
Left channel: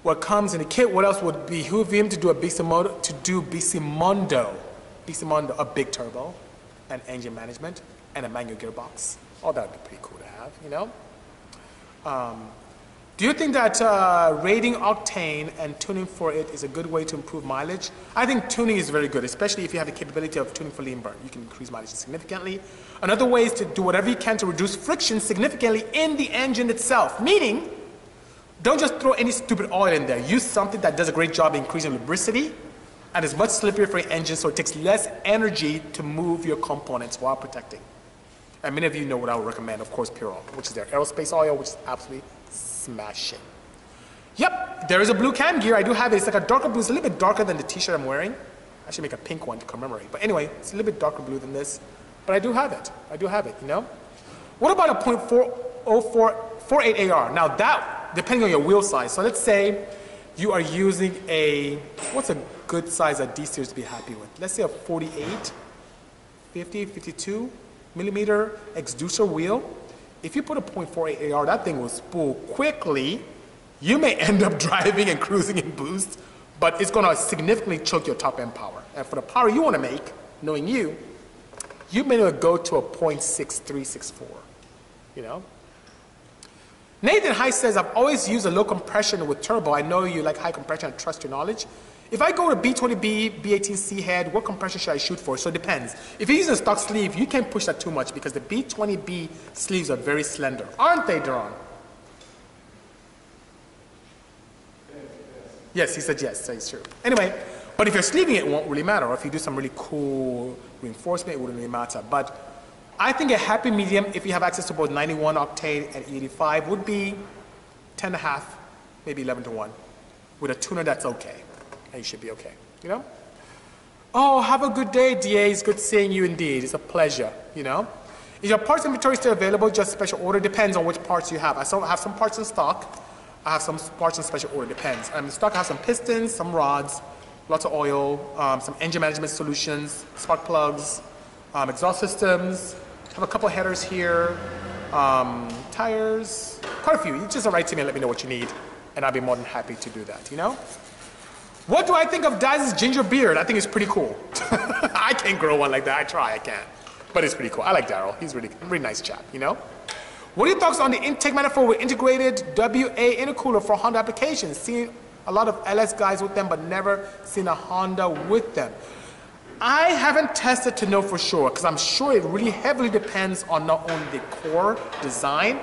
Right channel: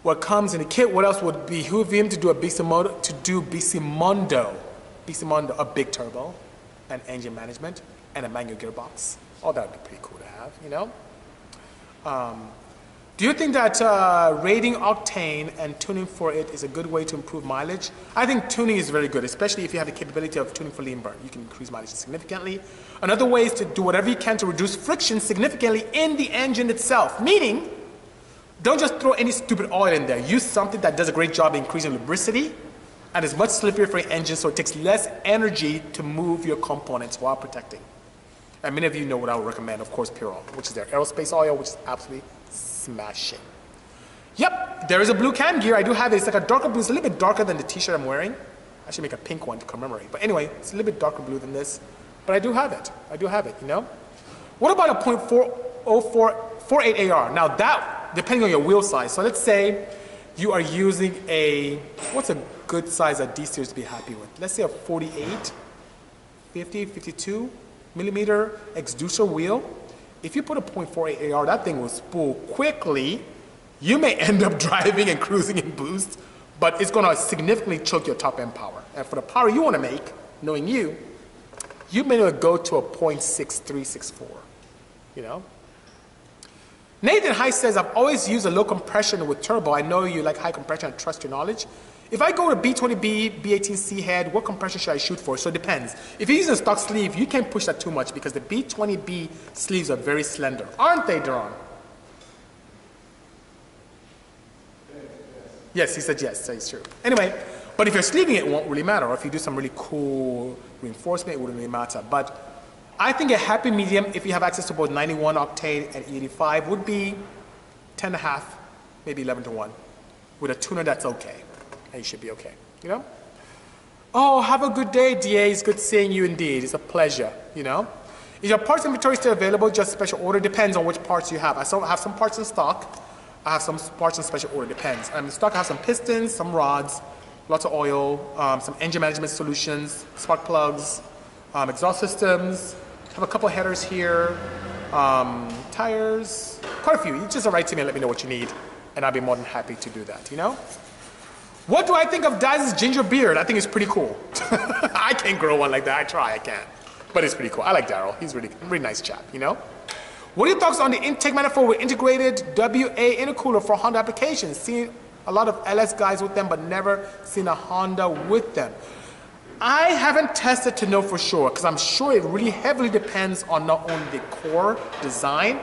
what comes in the kit. What else would behoove him to do a Bisimoto, a big turbo, and engine management, and a manual gearbox? Oh, that would be pretty cool to have, you know? Do you think that rating octane and tuning for it is a good way to improve mileage? I think tuning is very good, especially if you have the capability of tuning for lean burn. You can increase mileage significantly. Another way is to do whatever you can to reduce friction significantly in the engine itself, meaning don't just throw any stupid oil in there. Use something that does a great job increasing lubricity and is much slippier for your engine, so it takes less energy to move your components while protecting. And many of you know what I would recommend, of course, Pure Oil, which is their aerospace oil, which is absolutely smashing. Yep, there is a blue cam gear. I do have it. It's like a darker blue. It's a little bit darker than the t-shirt I'm wearing. I should make a pink one to commemorate. But anyway, it's a little bit darker blue than this. But I do have it. I do have it, you know? What about a .448 AR? Now that, depending on your wheel size. So let's say you are using a, what's a good size that D-Series to be happy with? Let's say a 48, 50, 52 millimeter exducer wheel. If you put a .48 AR, that thing will spool quickly. You may end up driving and cruising in boost, but it's going to significantly choke your top end power. And for the power you want to make, knowing you may want to go to a .6364, you know? Nathan High says, I've always used a low compression with turbo. I know you like high compression and trust your knowledge. If I go to B20B, B18C head, what compression should I shoot for? So it depends. If you're using a stock sleeve, you can't push that too much because the B20B sleeves are very slender. Aren't they, Duran? Yes, he said yes, that is true. Anyway, but if you're sleeving it, it won't really matter. Or if you do some really cool reinforcement, it wouldn't really matter. But I think a happy medium, if you have access to both 91 octane and 85, would be 10.5, maybe 11-1. With a tuner, that's okay. And you should be okay, you know? Oh, have a good day, DA. It's good seeing you indeed. It's a pleasure, you know? Is your parts inventory still available? Just special order? Depends on which parts you have. I have some parts in stock. I have some parts in special order, depends. In stock, I have some pistons, some rods, lots of oil, some engine management solutions, spark plugs, exhaust systems. I have a couple headers here, tires, quite a few. You just write to me and let me know what you need, and I'll be more than happy to do that, you know? What do I think of Daz's ginger beard? I think it's pretty cool. I can't grow one like that. I try, I can't. But it's pretty cool. I like Daryl. He's really nice chap, you know? What are your thoughts on the intake manifold with integrated WA intercooler for Honda applications? Seen a lot of LS guys with them, but never seen a Honda with them. I haven't tested to know for sure, because I'm sure it really heavily depends on not only the core design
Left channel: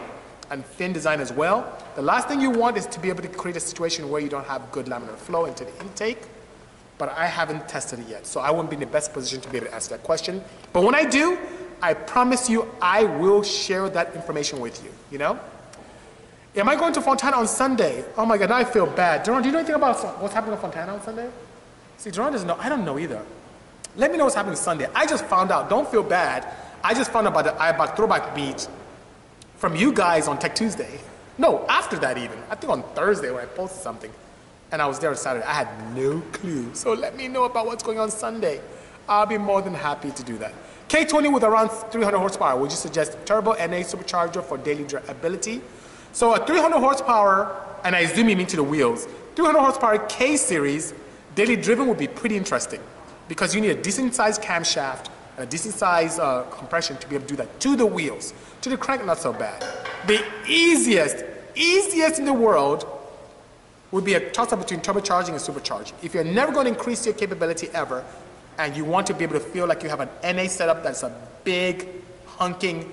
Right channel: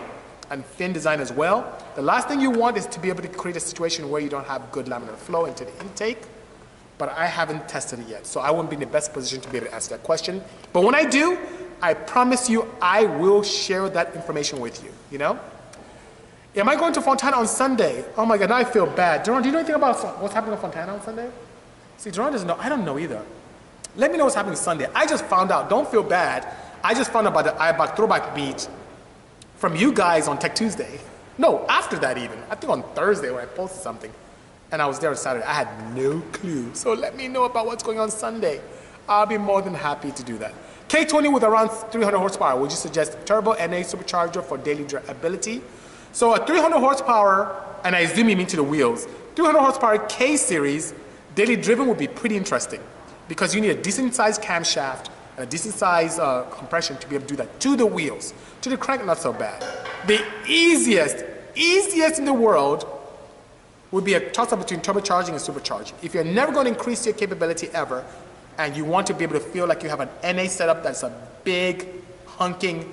and fin design as well. The last thing you want is to be able to create a situation where you don't have good laminar flow into the intake, but I haven't tested it yet, so I wouldn't be in the best position to be able to answer that question. But when I do, I promise you, I will share that information with you, you know? Am I going to Fontana on Sunday? Oh my God, now I feel bad. Duran, do you know anything about what's happening in Fontana on Sunday? See, Duran doesn't know. I don't know either. Let me know what's happening Sunday. I just found out. Don't feel bad. I just found out about the IBAC throwback meet from you guys on Tech Tuesday. No, after that even. I think on Thursday when I posted something. And I was there on Saturday. I had no clue. So let me know about what's going on Sunday. I'll be more than happy to do that. K20 with around 300 horsepower. Would you suggest turbo NA supercharger for daily drivability? So a 300 horsepower, and I assume you mean to the wheels, 300 horsepower K series, daily driven would be pretty interesting because you need a decent sized camshaft and a decent sized compression to be able to do that to the wheels. To the crank, not so bad. The easiest in the world would be a toss-up between turbocharging and supercharging. If you're never going to increase your capability ever, and you want to be able to feel like you have an NA setup that's a big, hunking,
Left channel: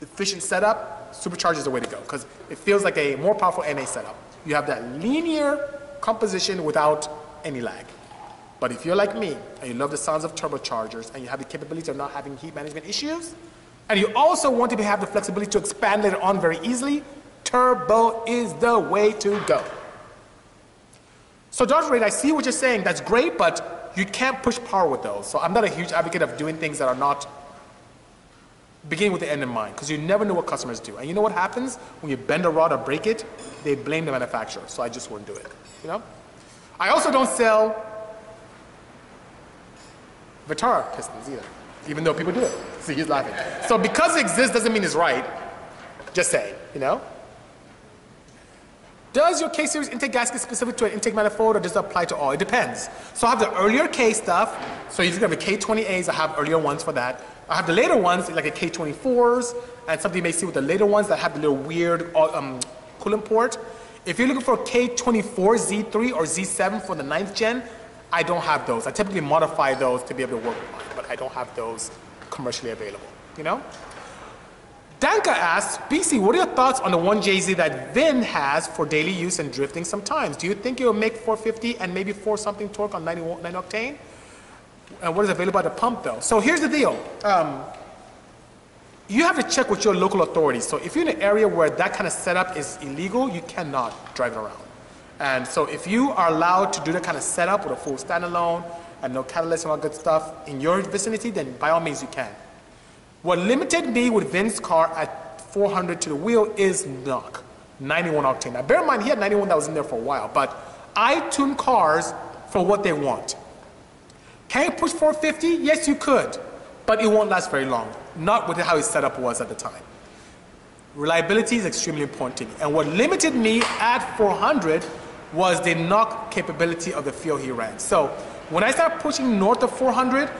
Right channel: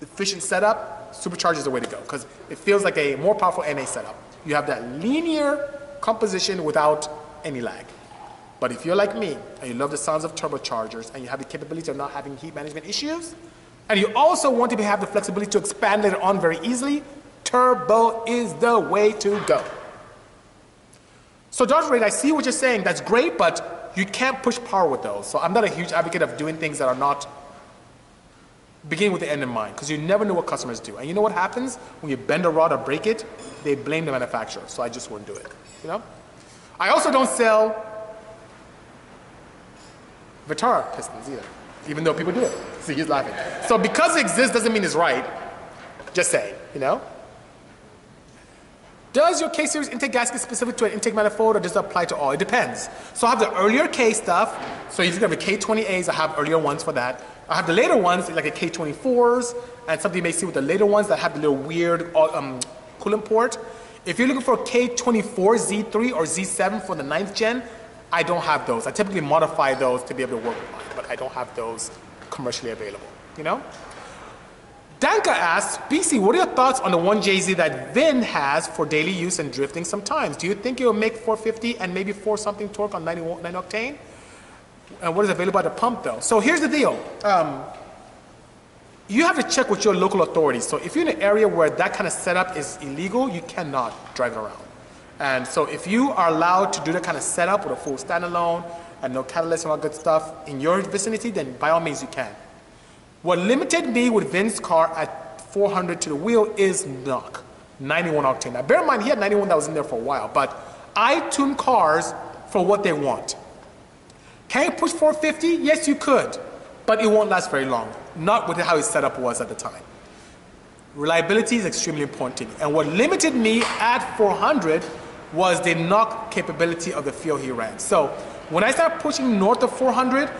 efficient setup, supercharger is the way to go because it feels like a more powerful NA setup. You have that linear composition without any lag. But if you're like me and you love the sounds of turbochargers and you have the capability of not having heat management issues, and you also want to have the flexibility to expand later on very easily, turbo is the way to go. So Dodge Raid, I see what you're saying. That's great, but you can't push power with those. So I'm not a huge advocate of doing things that are not beginning with the end in mind, because you never know what customers do. And you know what happens when you bend a rod or break it? They blame the manufacturer. So I just wouldn't do it. You know? I also don't sell Vitara pistons either, even though people do it. See, he's laughing. So because it exists doesn't mean it's right. Just saying, you know? Does your K-series intake gasket specific to an intake manifold or does it apply to all? It depends. So I have the earlier K stuff. So if you have the K20As, I have earlier ones for that. I have the later ones, like a K24s, and something you may see with the later ones that have the little weird coolant port. If you're looking for a K24 Z3 or Z7 for the 9th gen, I don't have those. I typically modify those to be able to work with mine, but I don't have those commercially available, you know? Danka asks, Bisi, what are your thoughts on the 1JZ that Vin has for daily use and drifting sometimes? Do you think it will make 450 and maybe 4 something torque on 9 octane? And what is available at the pump though? So here's the deal. You have to check with your local authorities. So if you're in an area where that kind of setup is illegal, you cannot drive it around. And so if you are allowed to do that kind of setup with a full standalone and no catalyst and all good stuff in your vicinity, then by all means you can. What limited me with Vin's car at 400 to the wheel is knock, 91 octane. Now bear in mind, he had 91 that was in there for a while, but I tune cars for what they want. Can you push 450? Yes, you could, but it won't last very long. Not with how his setup was at the time. Reliability is extremely important to me. And what limited me at 400 was the knock capability of the field he ran. So when I started pushing north of 400,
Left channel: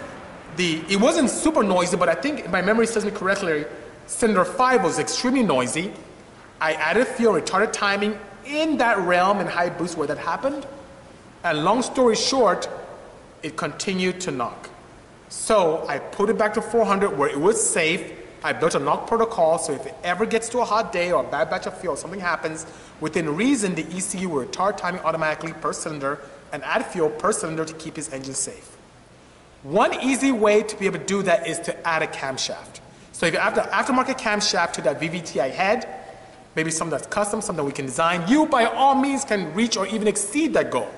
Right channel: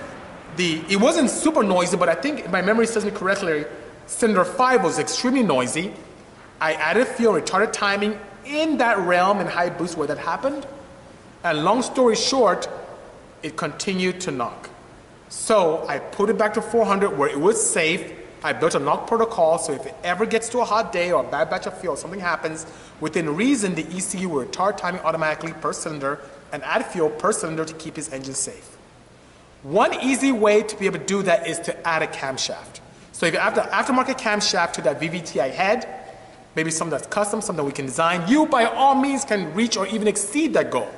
it wasn't super noisy, but I think if my memory serves me correctly, Cylinder 5 was extremely noisy. I added fuel retarded timing in that realm and high boost where that happened. And long story short, it continued to knock. So I put it back to 400 where it was safe. I built a knock protocol, so if it ever gets to a hot day or a bad batch of fuel, something happens, within reason, the ECU will retard timing automatically per cylinder and add fuel per cylinder to keep his engine safe. One easy way to be able to do that is to add a camshaft. So if you add the aftermarket camshaft to that VVTi head, maybe something that's custom, something we can design, you by all means can reach or even exceed that goal.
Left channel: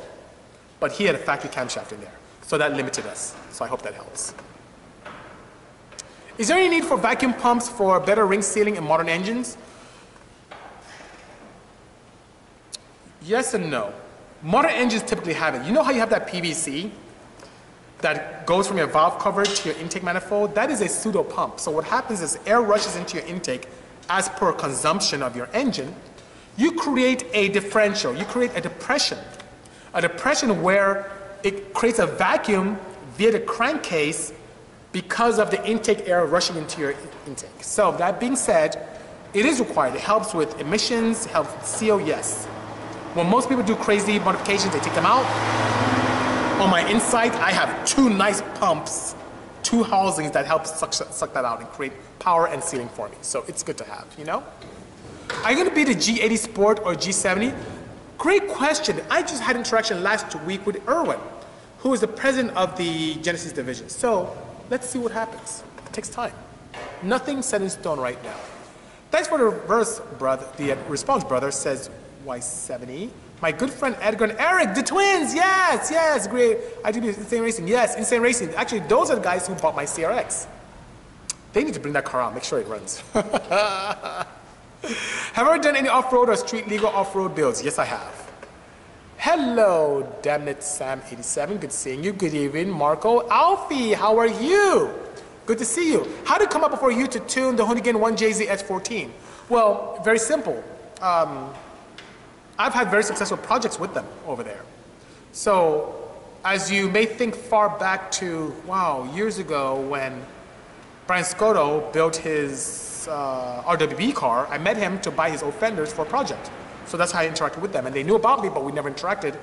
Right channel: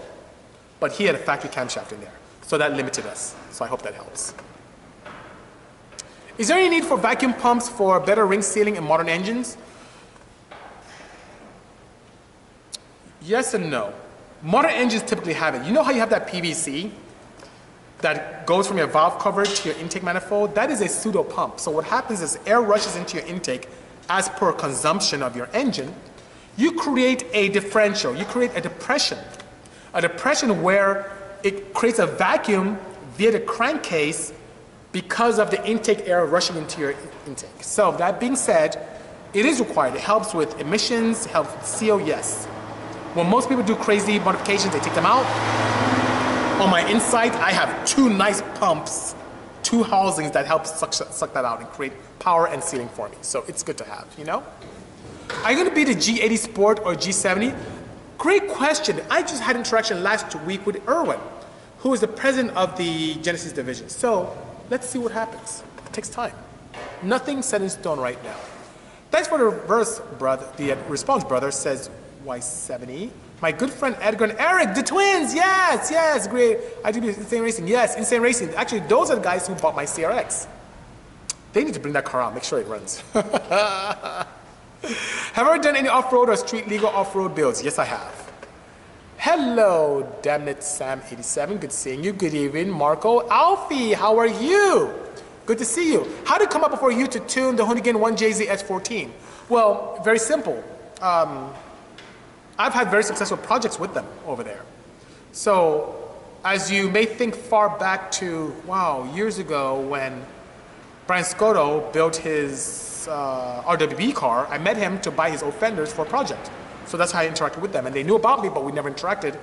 But he had a factory camshaft in there, so that limited us. So I hope that helps. Is there any need for vacuum pumps for better ring sealing in modern engines? Yes and no. Modern engines typically have it. You know how you have that PVC that goes from your valve cover to your intake manifold? That is a pseudo pump. So what happens is air rushes into your intake as per consumption of your engine. You create a differential. You create a depression where it creates a vacuum via the crankcase because of the intake air rushing into your intake. So that being said, it is required. It helps with emissions, helps with CO, yes. When most people do crazy modifications, they take them out. On my inside, I have two nice pumps, two housings that help suck that out and create power and sealing for me. So it's good to have, you know? Are you gonna be the G80 Sport or G70? Great question. I just had interaction last week with Erwin, who is the president of the Genesis division. So let's see what happens. It takes time. Nothing set in stone right now. Thanks for the reverse, brother. The response, brother, says Y70. My good friend Edgar and Eric, the twins. Yes, yes, great. I do Insane Racing. Yes, Insane Racing. Actually, those are the guys who bought my CRX. They need to bring that car out. Make sure it runs. Have I ever done any off-road or street legal off-road builds? Yes, I have. Hello, damn it, Sam87. Good seeing you. Good evening, Marco. Alfie, how are you? Good to see you. How did it come up for you to tune the Hoonigan 1JZ S14? Well, very simple. I've had very successful projects with them over there. So, as you may think far back to, wow, years ago when Brian Scotto built his RWB car, I met him to buy his old fenders for a project. So that's how I interacted with them. And they knew about me, but we never interacted.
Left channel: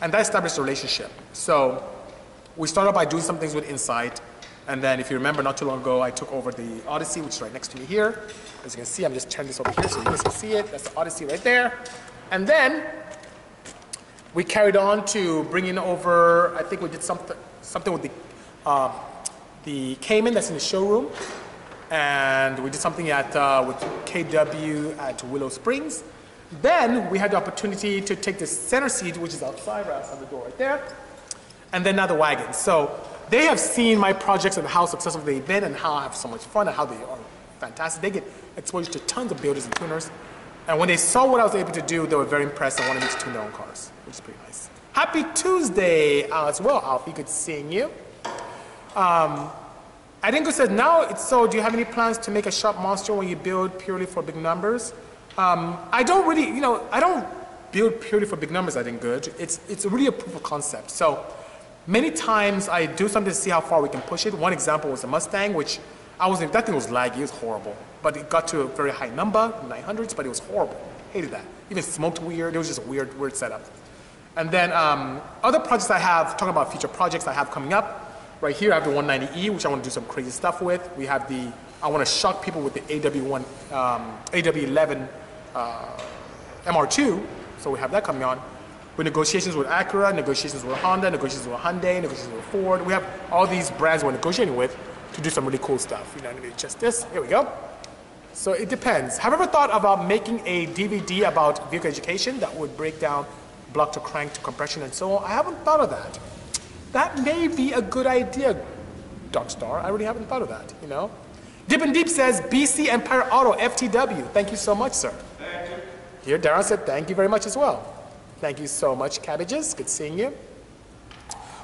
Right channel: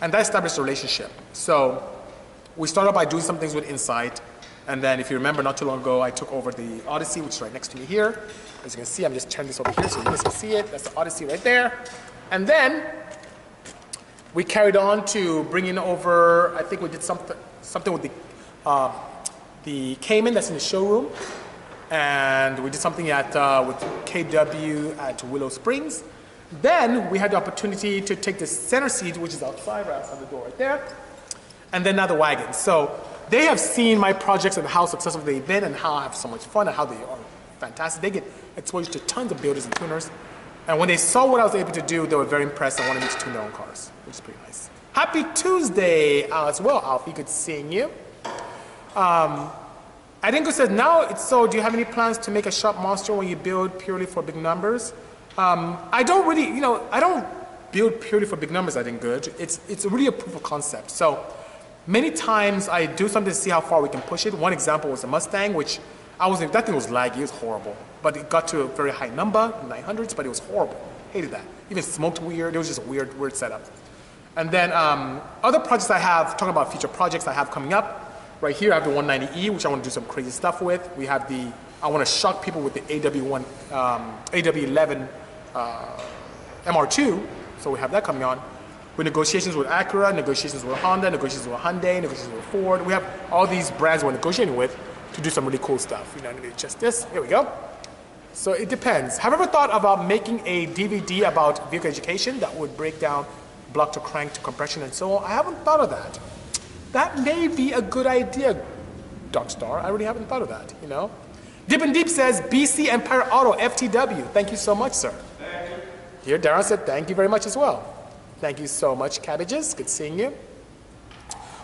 And that established a relationship. So we started by doing some things with Insight. And then if you remember, not too long ago, I took over the Odyssey, which is right next to me here. As you can see, I'm just turning this over here so you guys can see it. That's the Odyssey right there. And then we carried on to bringing over, I think we did something with the Cayman that's in the showroom. And we did something with KW at Willow Springs. Then we had the opportunity to take the center seat, which is outside, right outside the door right there. And then now the wagon. So they have seen my projects and how successful they've been and how I have so much fun and how they are fantastic. They get exposure to tons of builders and tuners. And when they saw what I was able to do, they were very impressed and wanted me to tune their own cars, which is pretty nice. Happy Tuesday as well, Alfie. Good seeing you. Adinko says, now it's so, do you have any plans to make a shop monster when you build purely for big numbers? I don't really, I don't build purely for big numbers, I think, good. It's really a proof of concept. So many times I do something to see how far we can push it. One example was the Mustang, which that thing was laggy, it was horrible. But it got to a very high number, 900s, but it was horrible. Hated that. Even smoked weird, it was just a weird setup. And then other projects I have, talking about future projects I have coming up, right here I have the 190E, which I want to do some crazy stuff with. We have I want to shock people with the AW11 MR2, so we have that coming on. With negotiations with Acura, negotiations with Honda, negotiations with Hyundai, negotiations with Ford. We have all these brands we're negotiating with to do some really cool stuff. Just this, here we go. So it depends. Have you ever thought about making a DVD about vehicle education that would break down block to crank to compression and so on? I haven't thought of that. That may be a good idea, Darkstar. I really haven't thought of that, Dip and Deep says, BC Empire Auto, FTW. Thank you so much, sir. Thank you. Here, Darren said, thank you very much as well. Thank you so much, Cabbages. Good seeing you.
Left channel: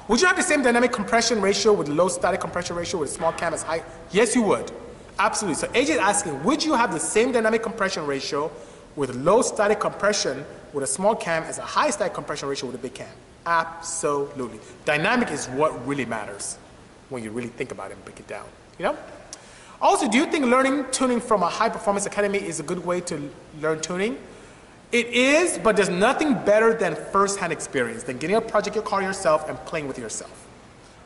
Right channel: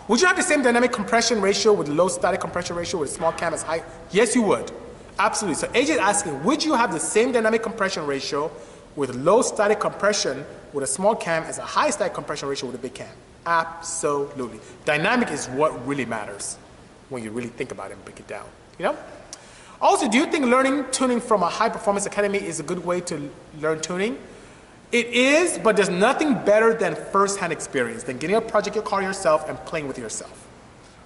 Would you have the same dynamic compression ratio with low static compression ratio with a small cam as high? Yes, you would. Absolutely. So AJ is asking, would you have the same dynamic compression ratio with low static compression with a small cam as a high static compression ratio with a big cam? Absolutely. Dynamic is what really matters when you really think about it and break it down. Also, do you think learning tuning from a high-performance academy is a good way to learn tuning? It is, but there's nothing better than first-hand experience, than getting a project your car yourself and playing with yourself.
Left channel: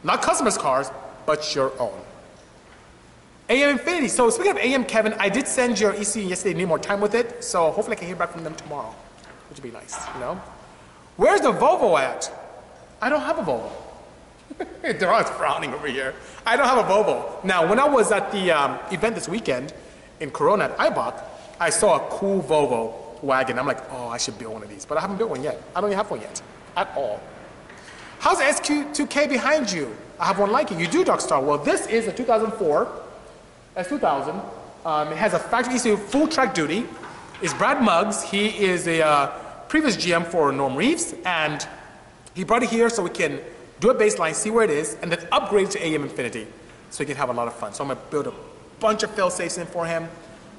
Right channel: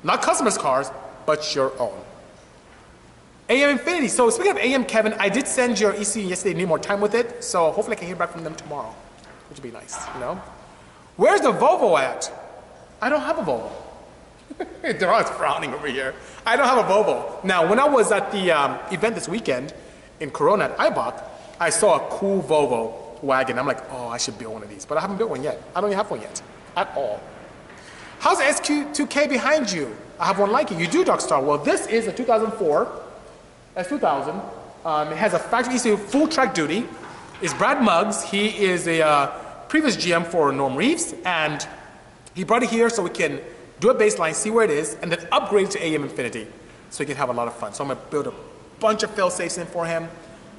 Not customers' cars, but your own. AM Infinity. So speaking of AM, Kevin, I did send your ECU yesterday, need more time with it, so hopefully I can hear back from them tomorrow, which would be nice, you know? Where's the Volvo at? I don't have a Volvo. They're always frowning over here. I don't have a Volvo. Now, when I was at the event this weekend in Corona at IBOC, I saw a cool Volvo wagon. I'm like, oh, I should build one of these. But I haven't built one yet. I don't even have one yet, at all. How's the SQ2K behind you? I have one like it. You do, Darkstar. Well, this is a 2004 S2000. It has a factory ECU, full track duty. It's Brad Muggs. He is a previous GM for Norm Reeves, and he brought it here so we can do a baseline, see where it is, and then upgrade to AM Infinity so he can have a lot of fun. So I'm going to build a bunch of fail-safes in for him,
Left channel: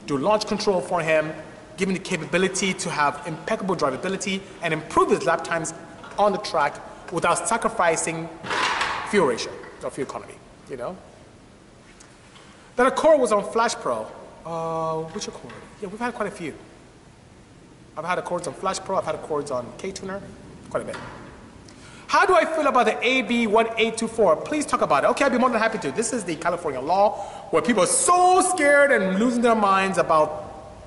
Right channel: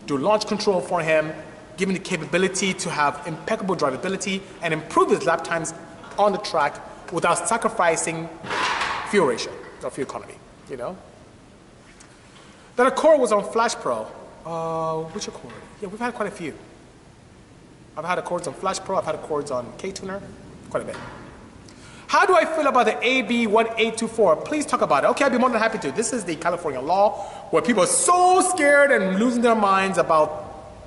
do launch control for him, give him the capability to have impeccable drivability and improve his lap times on the track without sacrificing fuel ratio or fuel economy, you know? Then Accord was on Flash Pro. Which Accord? Yeah, we've had quite a few. I've had Accords on Flash Pro, I've had Accords on K-Tuner, quite a bit. How do I feel about the AB 1824? Please talk about it. Okay, I'd be more than happy to. This is the California law where people are so scared and losing their minds about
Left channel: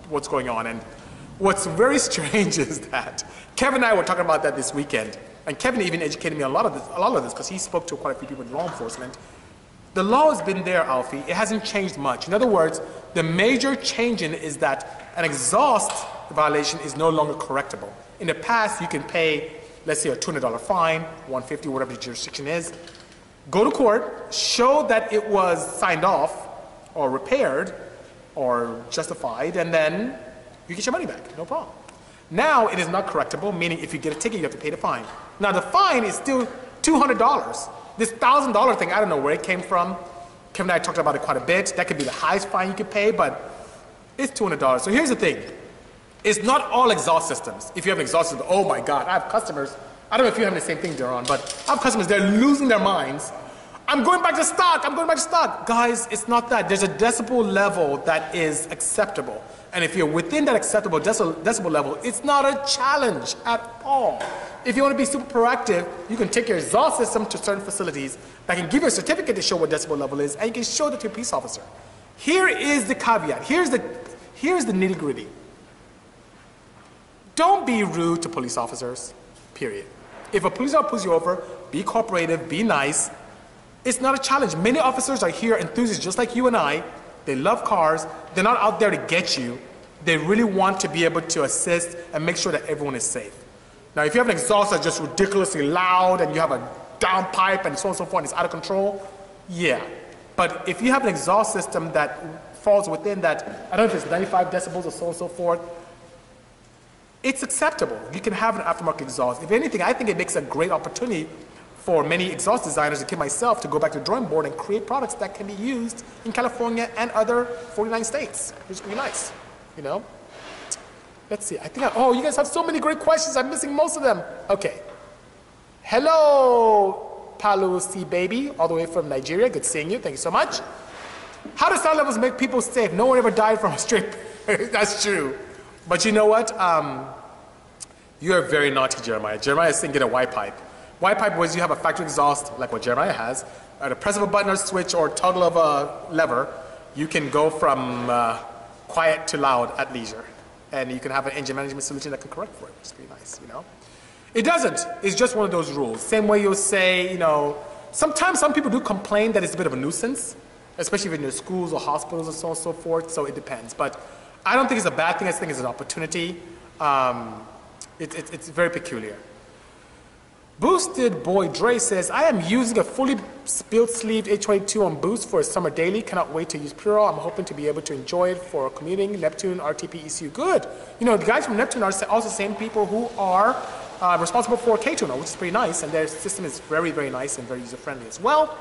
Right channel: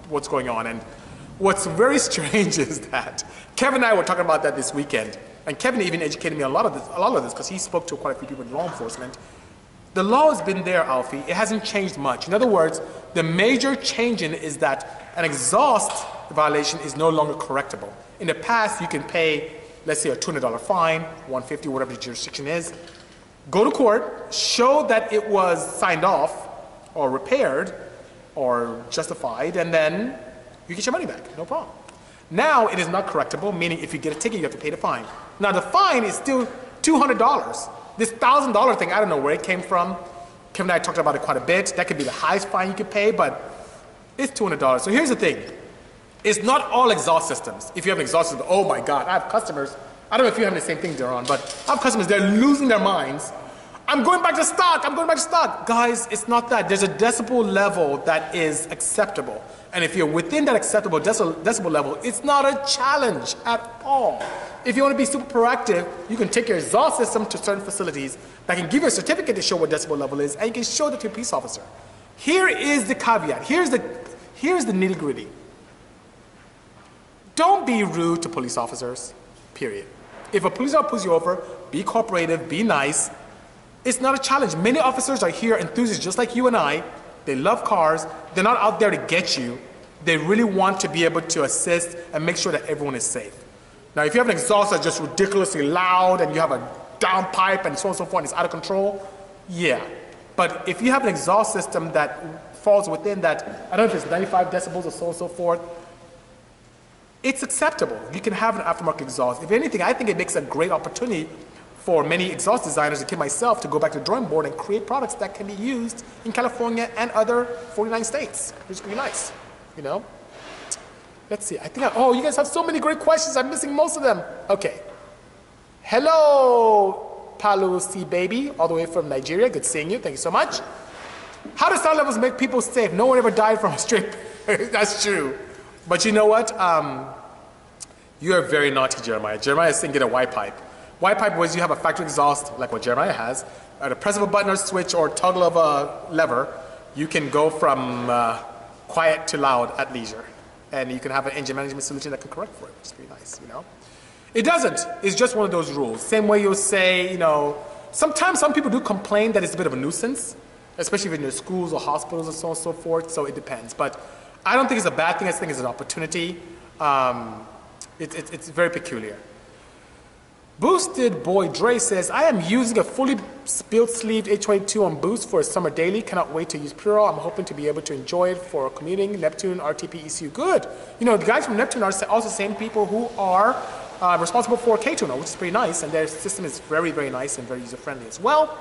what's going on. And what's very strange is that Kevin and I were talking about that this weekend. And Kevin even educated me on a lot of this because he spoke to quite a few people in law enforcement. The law has been there, Alfie. It hasn't changed much. In other words, the major change in it is that an exhaust violation is no longer correctable. In the past, you can pay, let's say, a $200 fine, $150, whatever the jurisdiction is, go to court, show that it was signed off or repaired or justified, and then you get your money back, no problem. Now it is not correctable, meaning if you get a ticket, you have to pay the fine. Now the fine is still $200. This $1,000 thing, I don't know where it came from. Kevin and I talked about it quite a bit. That could be the highest fine you could pay, but it's $200. So here's the thing. It's not all exhaust systems. If you have an exhaust system, oh my God, I have customers. I don't know if you're having the same thing, Daron, but I have customers, they're losing their minds. I'm going back to stock, I'm going back to stock. Guys, it's not that. There's a decibel level that is acceptable. And if you're within that acceptable decibel level, it's not a challenge at all. If you want to be super proactive, you can take your exhaust system to certain facilities that can give you a certificate to show what decibel level is, and you can show that to a police officer. Here is the caveat. Here's the nitty-gritty. Don't be rude to police officers, period. If a police officer pulls you over, be cooperative, be nice. It's not a challenge. Many officers are here enthusiasts just like you and I. They love cars. They're not out there to get you. They really want to be able to assist and make sure that everyone is safe. Now, if you have an exhaust that's just ridiculously loud and you have a downpipe and so on and so forth and it's out of control, yeah. But if you have an exhaust system that falls within that, I don't know if it's 95 decibels or so on and so forth, it's acceptable. You can have an aftermarket exhaust. If anything, I think it makes a great opportunity for many exhaust designers, including myself, to go back to the drawing board and create products that can be used in California and other 49 states, which is pretty nice, you know? Let's see, oh, you guys have so many great questions. I'm missing most of them. Okay. Hello, Palu C Baby, all the way from Nigeria. Good seeing you. Thank you so much. How do sound levels make people safe? No one ever died from a straight. That's true. But you know what? You're very naughty, Jeremiah. Jeremiah is saying get a Y pipe. Y pipe was you have a factory exhaust, like what Jeremiah has. At a press of a button or switch or toggle of a lever, you can go from quiet to loud at leisure. And you can have an engine management solution that can correct for it, which is pretty nice, you know? It doesn't. It's just one of those rules. Same way you'll say, you know, sometimes some people do complain that it's a bit of a nuisance, especially in your schools or hospitals and so on and so forth, so it depends. But I don't think it's a bad thing. I think it's an opportunity. It's very peculiar. Boosted Boy Dre says, I am using a fully built-sleeved H22 on Boost for a summer daily. Cannot wait to use Puro. I'm hoping to be able to enjoy it for commuting. Neptune, RTP, ECU. Good. You know, the guys from Neptune are also the same people who are responsible for K-Tuner, which is pretty nice. And their system is very, very nice and very user-friendly as well.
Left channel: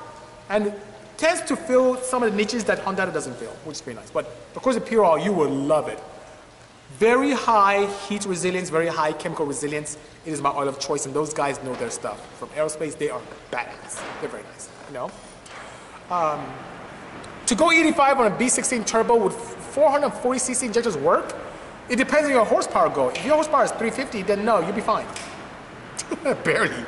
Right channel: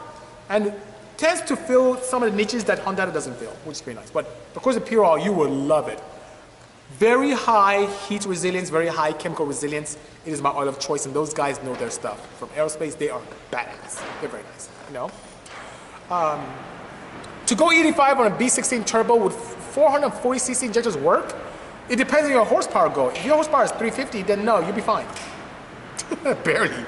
And tends to fill some of the niches that Honda doesn't fill, which is pretty nice. But of course, the Puro, you will love it. Very high heat resilience, very high chemical resilience. It is my oil of choice, and those guys know their stuff. From aerospace, they are badass. They're very nice, you know? To go 85 on a B16 turbo with 440cc injectors work? It depends on your horsepower goal. If your horsepower is 350, then no, you'll be fine. Barely.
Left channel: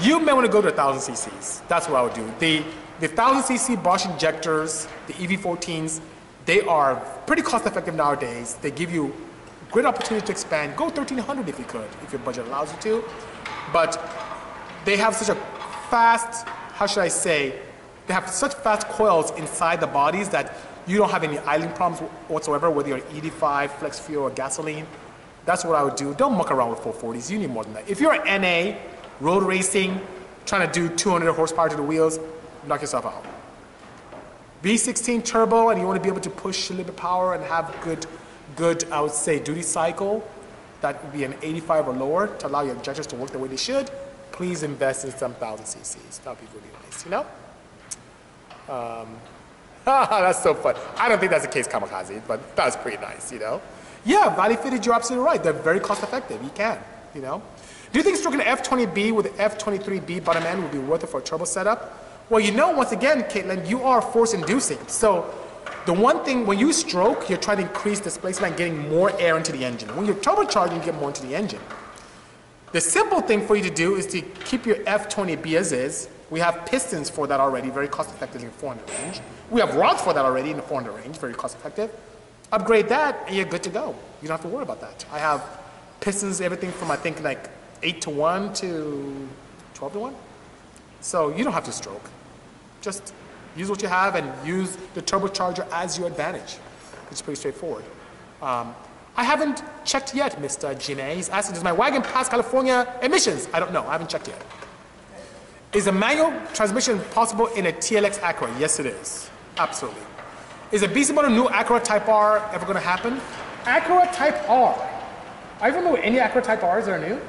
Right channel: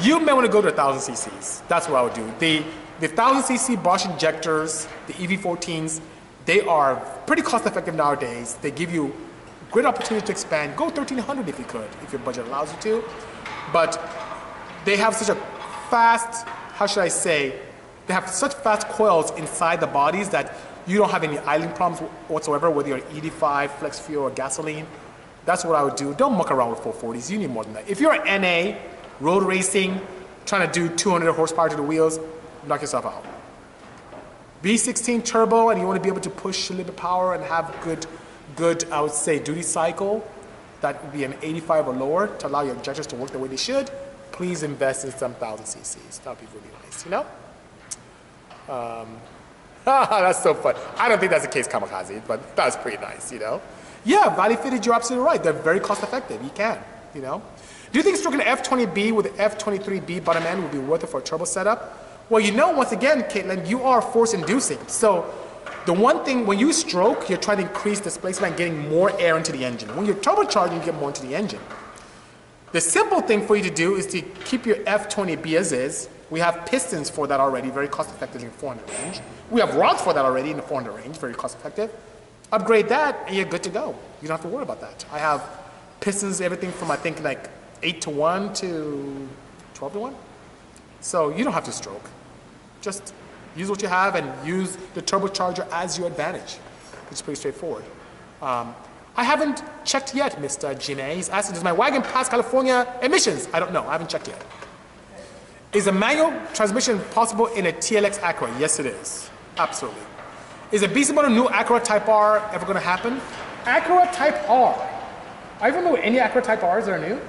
You may want to go to 1,000 cc's. That's what I would do. The 1,000 cc Bosch injectors, the EV14s, they are pretty cost effective nowadays. They give you great opportunity to expand. Go 1,300 if you could, if your budget allows you to. But they have such a fast, how should I say, they have such fast coils inside the bodies that you don't have any idling problems whatsoever, whether you're ED5, flex fuel, or gasoline. That's what I would do. Don't muck around with 440s. You need more than that. If you're an NA, road racing, trying to do 200 horsepower to the wheels, knock yourself out. V16 turbo, and you want to be able to push a little bit of power and have good, I would say, duty cycle, that would be an 85 or lower to allow your injectors to work the way they should. Please invest in some 1,000 cc's. That would be really nice, you know? That's so fun. I don't think that's the case, Kamikaze, but that's pretty nice, you know? Yeah, valley fitted, you're absolutely right. They're very cost effective. You can, you know? Do you think stroking an F20B with the F23B bottom end would be worth it for a turbo setup? Well, you know, once again, Caitlin, you are force inducing. So the one thing, when you stroke, you're trying to increase displacement and getting more air into the engine. When you're turbocharging, you get more into the engine. The simple thing for you to do is to keep your F20B as is. We have pistons for that already, very cost effective in the 400 range. We have rods for that already in the 400 range, very cost effective. Upgrade that and you're good to go. You don't have to worry about that. I have pistons, everything from I think like 8-to-1 to 12-to-1. So you don't have to stroke. Just use what you have and use the turbocharger as your advantage. It's pretty straightforward. I haven't checked yet, Mr. Gina. He's asking, does my wagon pass California emissions? I don't know. I haven't checked yet. Is a manual transmission possible in a TLX Acura? Yes, it is. Absolutely. Is a Bisimoto new Acura Type R ever going to happen? Acura Type R. Are you familiar with any Acura Type Rs that are new?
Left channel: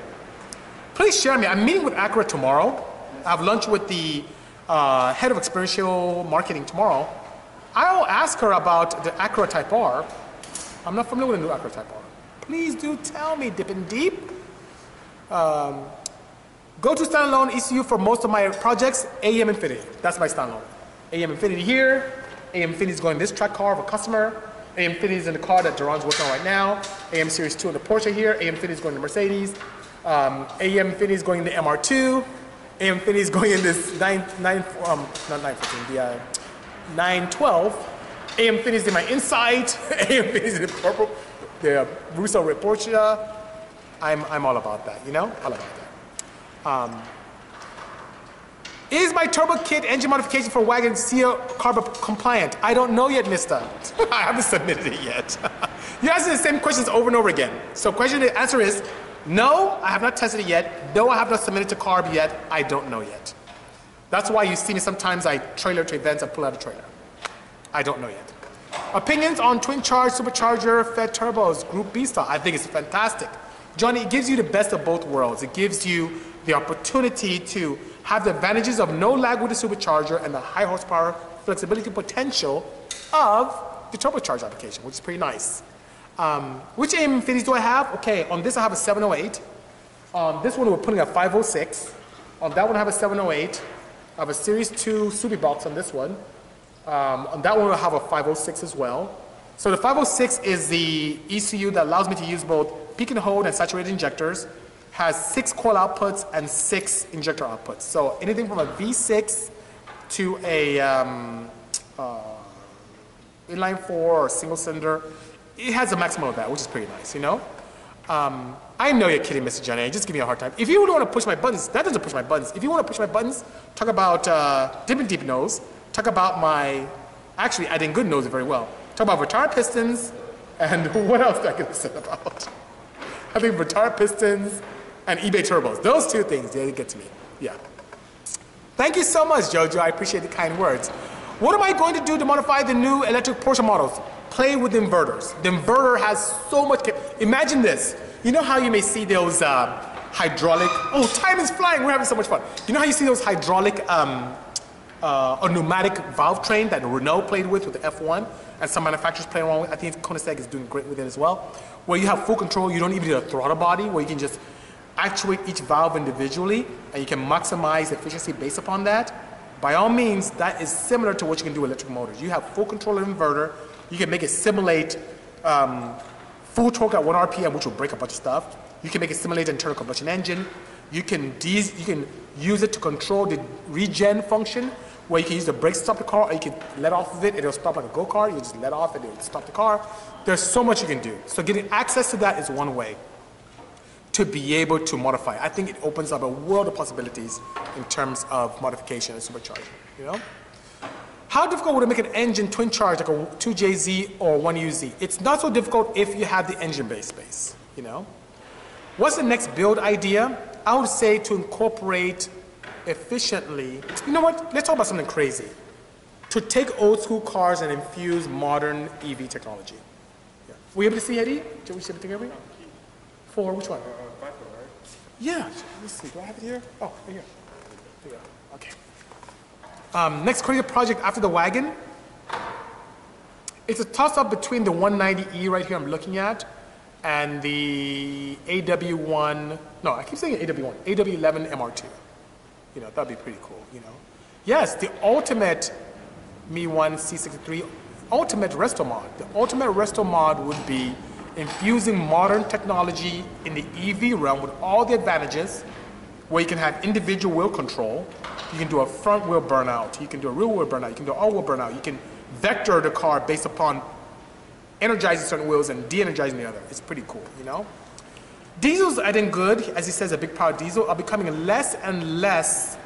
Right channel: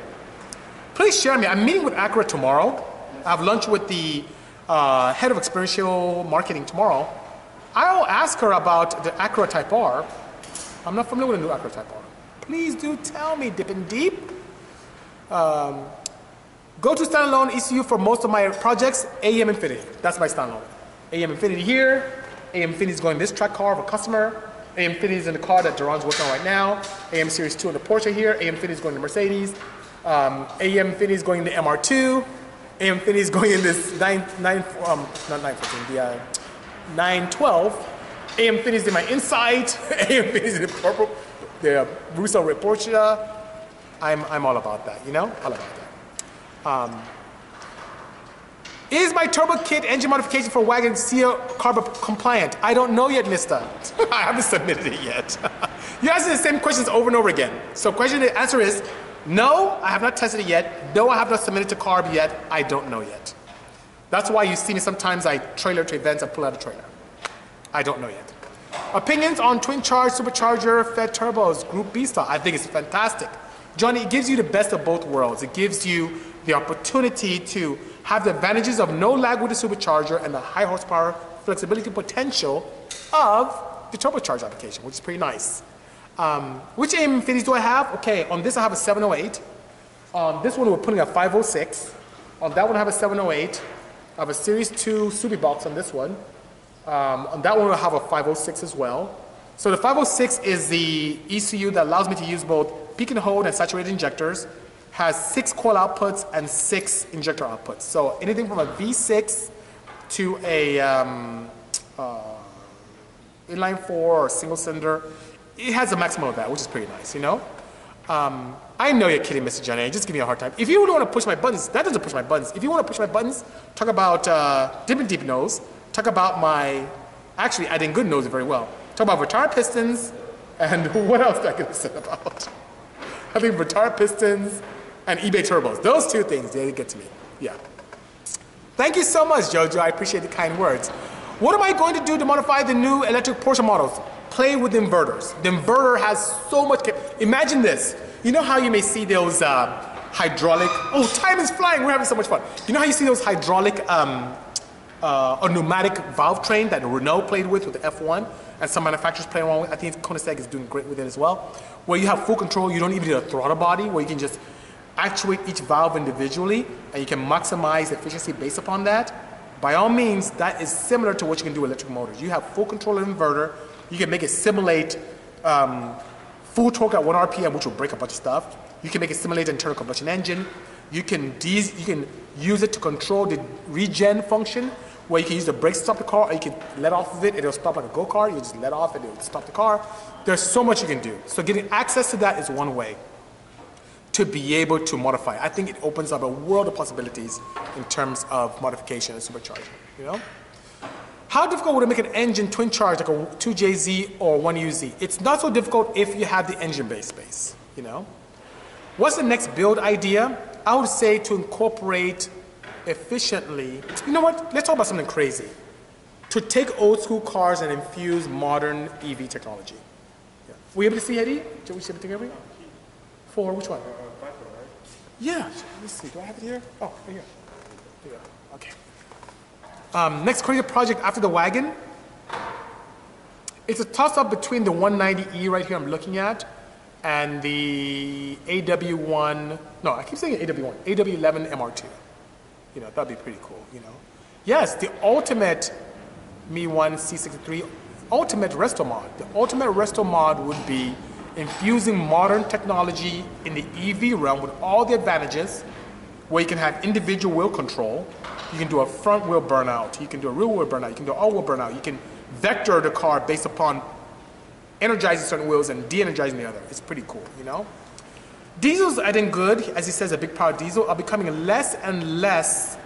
Please share me. I'm meeting with Acura tomorrow. I have lunch with the head of experiential marketing tomorrow. I'll ask her about the Acura Type R. I'm not familiar with the new Acura Type R. Please do tell me, Dippin' Deep. Go to standalone ECU for most of my projects, AM Infinity. That's my standalone. AM Infinity here. AM Infinity is going in this track car of a customer. AM Infinity is in the car that Duran's working on right now. AM Series 2 in the Porsche here. AM Infinity is going in the Mercedes. AM Infinity is going in the MR2. AM Infinity is going in this 912. AM Infinity is in my Insight. AM Infinity is in the purple, the Russo Red Porsche. I'm all about that, you know? All about that. Is my turbo kit engine modification for wagon CO carb compliant? I don't know yet, mister. I haven't submitted it yet. You're asking the same questions over and over again. So the answer is, no, I have not tested it yet. No, I have not submitted to carb yet. I don't know yet. That's why you see me sometimes I trailer to events and pull out a trailer. I don't know yet. Opinions on twin charge supercharger fed turbos, Group B style. I think it's fantastic. Johnny, it gives you the best of both worlds. It gives you the opportunity to have the advantages of no lag with the supercharger and the high horsepower flexibility potential of the turbocharged application, which is pretty nice. Which AM Infinities do I have? Okay, on this I have a 708. On this one we're putting a 506. On that one I have a 708. I have a Series 2 Subi box on this one. On that one we'll have a 506 as well. So the 506 is the ECU that allows me to use both peak and hold and saturated injectors. Has 6 coil outputs and 6 injector outputs. So anything from a V6 to a inline 4 or single cylinder, it has a maximum of that, which is pretty nice, you know? I know you're kidding, Mr. Johnny. Just give me a hard time. If you really want to push my buttons, that doesn't push my buttons. If you want to push my buttons, talk about Deep Nose. Talk about my, actually, I didn't good nose it very well. Talk about retard pistons, and what else did I get said about? I think retard pistons and eBay turbos. Those two things, they get to me. Yeah. Thank you so much, Jojo. I appreciate the kind words. What am I going to do to modify the new electric Porsche models? Play with inverters. The inverter has so much. Imagine this. You know how you may see those hydraulic. Oh, time is flying. We're having so much fun. You know how you see those hydraulic or pneumatic valve train that Renault played with the F1, and some manufacturers play around with. I think Koenigsegg is doing great with it as well. Where you have full control. You don't even need a throttle body. Where you can just actuate each valve individually, and you can maximize efficiency based upon that. By all means, that is similar to what you can do with electric motors. You have full control of the inverter. You can make it simulate full full torque at 1 RPM, which will break a bunch of stuff. You can make it simulate an internal combustion engine. You can use it to control the regen function, where you can use the brakes to stop the car, or you can let off of it, and it'll stop like a go-kart. You just let off and it'll stop the car. There's so much you can do. So getting access to that is one way to be able to modify. I think it opens up a world of possibilities in terms of modification and supercharging, you know? How difficult would it make an engine twin charge like a 2JZ or 1UZ? It's not so difficult if you have the engine bay space, you know? What's the next build idea? I would say to incorporate efficiently, you know what? Let's talk about something crazy. To take old school cars and infuse modern EV technology. Yeah. Were you able to see, Eddie? Did we see everything here? For which one? Yeah, let me see. Do I have it here? Oh, right here. There you go. Okay. Next crazy project after the wagon. It's a toss-up between the 190E right here I'm looking at and the AW1, no, I keep saying AW1, AW11 MR2. You know, that'd be pretty cool, you know. Yes, the ultimate Mi-1 C63 ultimate resto mod. The ultimate resto mod would be infusing modern technology in the EV realm with all the advantages, where you can have individual wheel control. You can do a front wheel burnout. You can do a rear wheel burnout. You can do an all wheel burnout. You can vector the car based upon energizing certain wheels and de-energizing the other. It's pretty cool, you know? Diesels, I think good, as he says, a big power diesel, are becoming less and less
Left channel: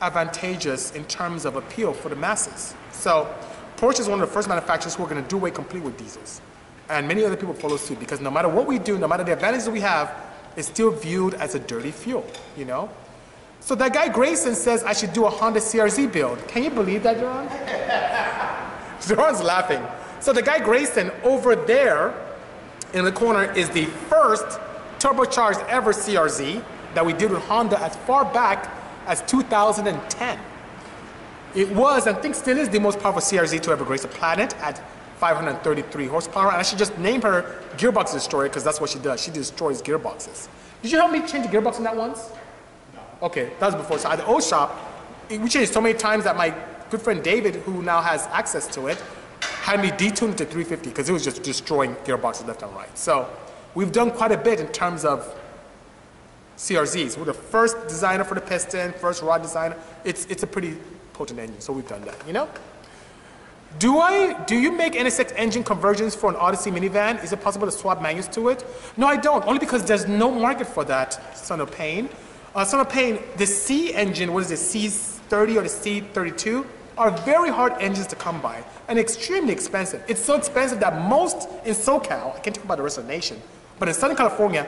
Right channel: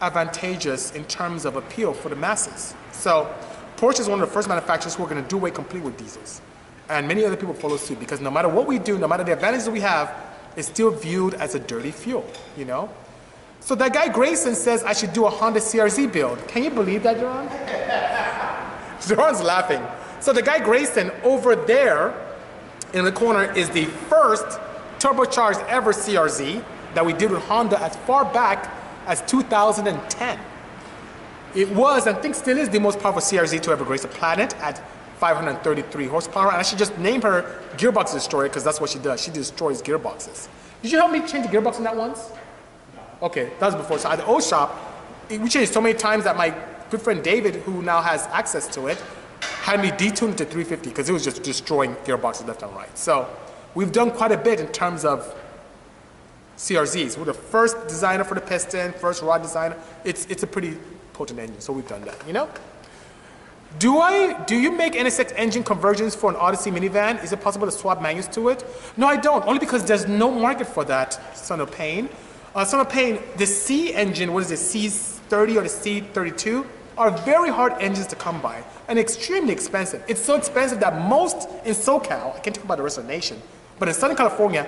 advantageous in terms of appeal for the masses. So Porsche is one of the first manufacturers who are going to do away complete with diesels. And many other people follow suit, because no matter what we do, no matter the advantages that we have, it's still viewed as a dirty fuel, you know? So that guy Grayson says I should do a Honda CRZ build. Can you believe that, Jerron? Jerron's laughing. So the guy Grayson over there in the corner is the first turbocharged ever CRZ that we did with Honda as far back as 2010. It was, and I think still is, the most powerful CRZ to ever grace the planet at 533 horsepower. And I should just name her Gearbox Destroyer, because that's what she does. She destroys gearboxes. Did you help me change the gearbox in that once? No. Okay, that was before. So at the old shop, we changed so many times that my good friend David, who now has access to it, had me detune it to 350 because it was just destroying gearboxes left and right. So we've done quite a bit in terms of CRZs. We're the first designer for the piston, first rod designer. It's a pretty potent engine, so we've done that, you know? Do you make NSX engine conversions for an Odyssey minivan? Is it possible to swap manuals to it? No, I don't, only because there's no market for that, Son of Pain. Son of Pain, the C engine, what is it, C30 or the C32, are very hard engines to come by and extremely expensive. It's so expensive that most in SoCal, I can't talk about the rest of the nation, but in Southern California,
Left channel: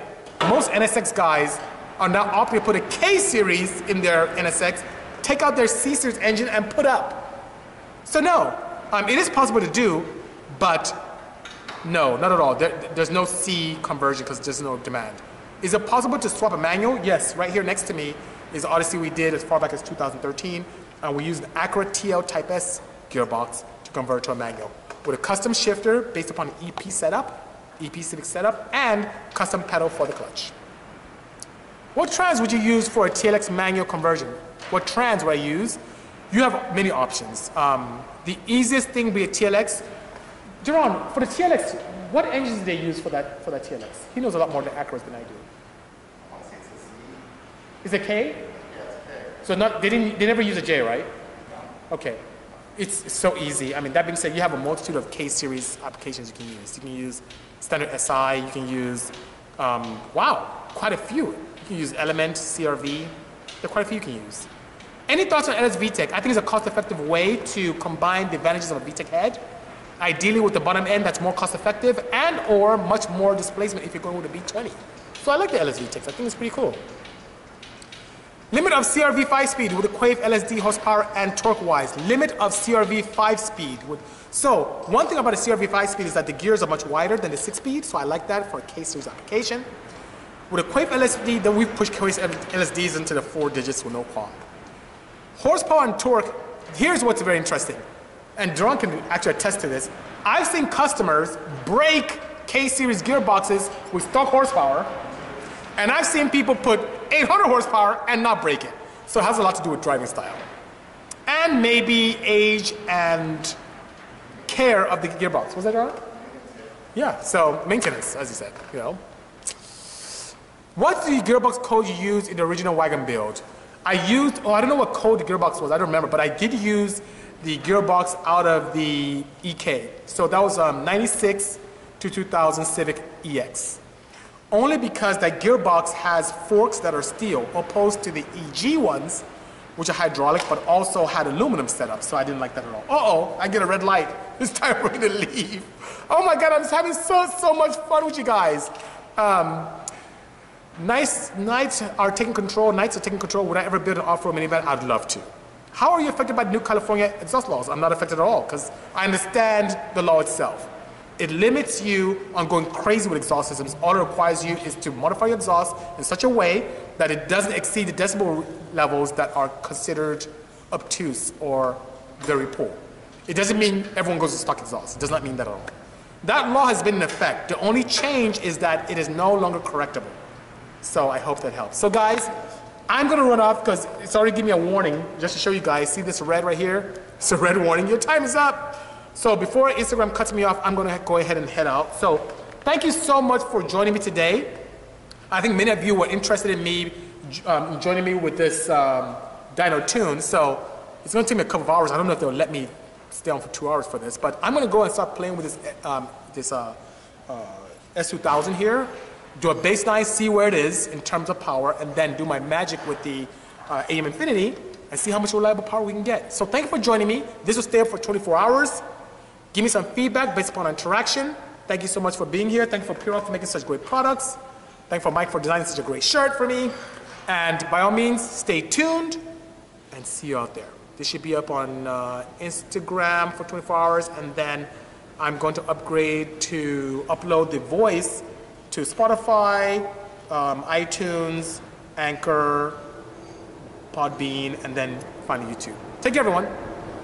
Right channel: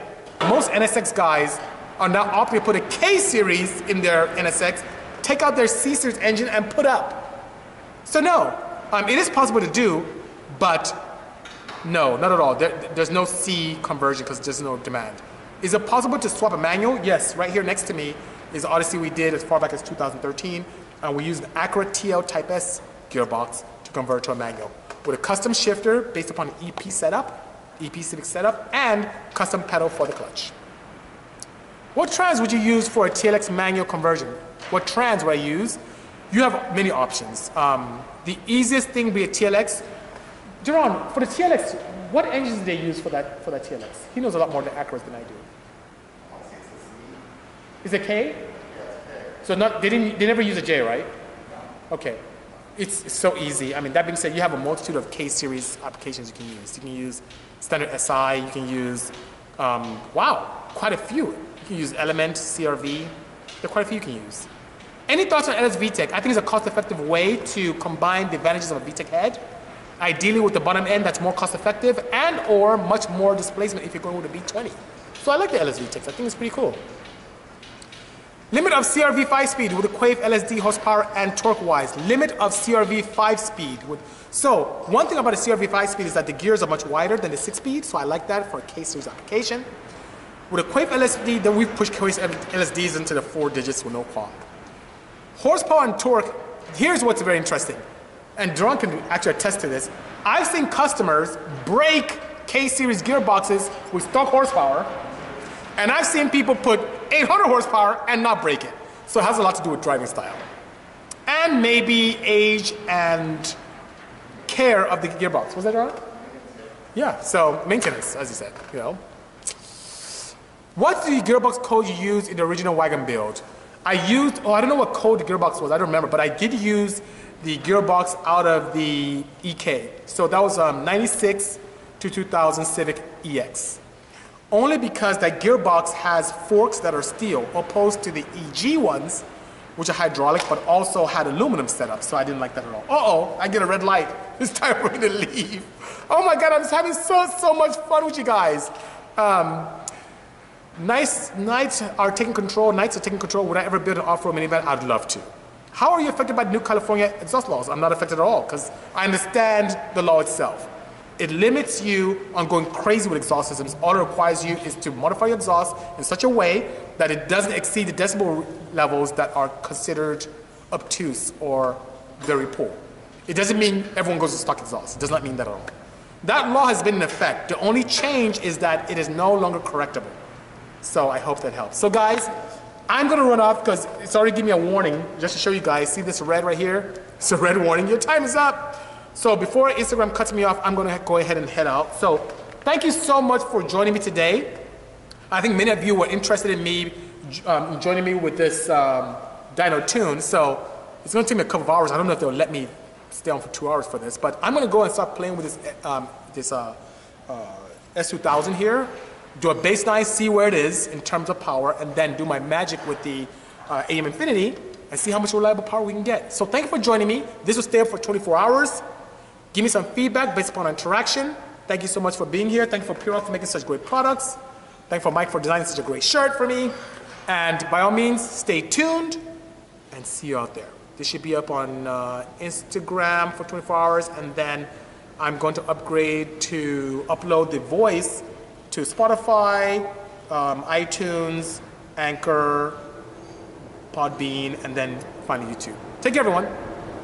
most NSX guys are now opting to put a K-series in their NSX, take out their C-series engine and put up. So no, it is possible to do, but no, not at all. There's no C conversion because there's no demand. Is it possible to swap a manual? Yes, right here next to me is Odyssey we did as far back as 2013, and we used an Acura TL Type S gearbox to convert to a manual with a custom shifter based upon EP setup, EP Civic setup, and custom pedal for the clutch. What trans would you use for a TLX manual conversion? What trans would I use? You have many options. The easiest thing would be a TLX. Jerron, for the TLX, what engines do they use for that TLX? He knows a lot more than Acuras than I do. Is it K? So they never use a J, right? Okay. It's so easy. I mean, that being said, you have a multitude of K-series applications you can use. You can use standard SI, you can use, wow, quite a few. You can use Element, CRV. There are quite a few you can use. Any thoughts on LS VTEC? I think it's a cost-effective way to combine the advantages of a VTEC head, ideally with the bottom end that's more cost-effective and or much more displacement if you're going with a V20. So I like the LS VTECs. I think it's pretty cool. Limit of CRV 5-speed with a Quave LSD horsepower and torque-wise. Limit of CRV 5-speed. So one thing about a CRV 5-speed is that the gears are much wider than the 6-speed, so I like that for a K-series application. With a Quave LSD, then we've pushed Quave LSDs into the 4 digits with no qualm. Horsepower and torque, here's what's very interesting. And Jerron can actually attest to this. I've seen customers break K-series gearboxes with stock horsepower, and I've seen people put 800 horsepower and not break it. So it has a lot to do with driving style. And maybe age and care of the gearbox. Was that right? Yeah, so maintenance, as you said, you know. What's the gearbox code you used in the original wagon build? I used, I don't know what code the gearbox was, I don't remember, but I did use the gearbox out of the EK. So that was 96 to 2000 Civic EX. Only because that gearbox has forks that are steel, opposed to the EG ones, which are hydraulic, but also had aluminum setup, so I didn't like that at all. Uh-oh, I get a red light. It's time for me to leave. Oh my God, I'm just having so much fun with you guys. Knights are taking control. Would I ever build an off-road minivan? I'd love to. How are you affected by the new California exhaust laws? I'm not affected at all, because I understand the law itself. It limits you on going crazy with exhaust systems. All it requires you is to modify your exhaust in such a way that it doesn't exceed the decibel levels that are considered obtuse or very poor. It doesn't mean everyone goes to stock exhaust. It does not mean that at all. That law has been in effect. The only change is that it is no longer correctable. So I hope that helps. So guys, I'm gonna run off because it's already giving me a warning just to show you guys. See this red right here? It's a red warning. Your time is up. So before Instagram cuts me off, I'm gonna go ahead and head out. So thank you so much for joining me today. I think many of you were interested in me joining me with this dyno tune. So it's gonna take me a couple of hours. I don't know if they'll let me stay on for 2 hours for this, but I'm gonna go and start playing with this S2000 here. Do a baseline, see where it is in terms of power, and then do my magic with the AM Infinity and see how much reliable power we can get. So thank you for joining me. This will stay up for 24 hours. Give me some feedback based upon interaction. Thank you so much for being here. Thank you for Pure for making such great products. Thank you for Mike for designing such a great shirt for me. And by all means, stay tuned and see you out there. This should be up on Instagram for 24 hours, and then I'm going to upgrade to upload the voice to Spotify, iTunes, Anchor, Podbean, and then finally YouTube. Take care, everyone.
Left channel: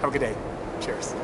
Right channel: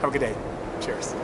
Have a good day. Cheers.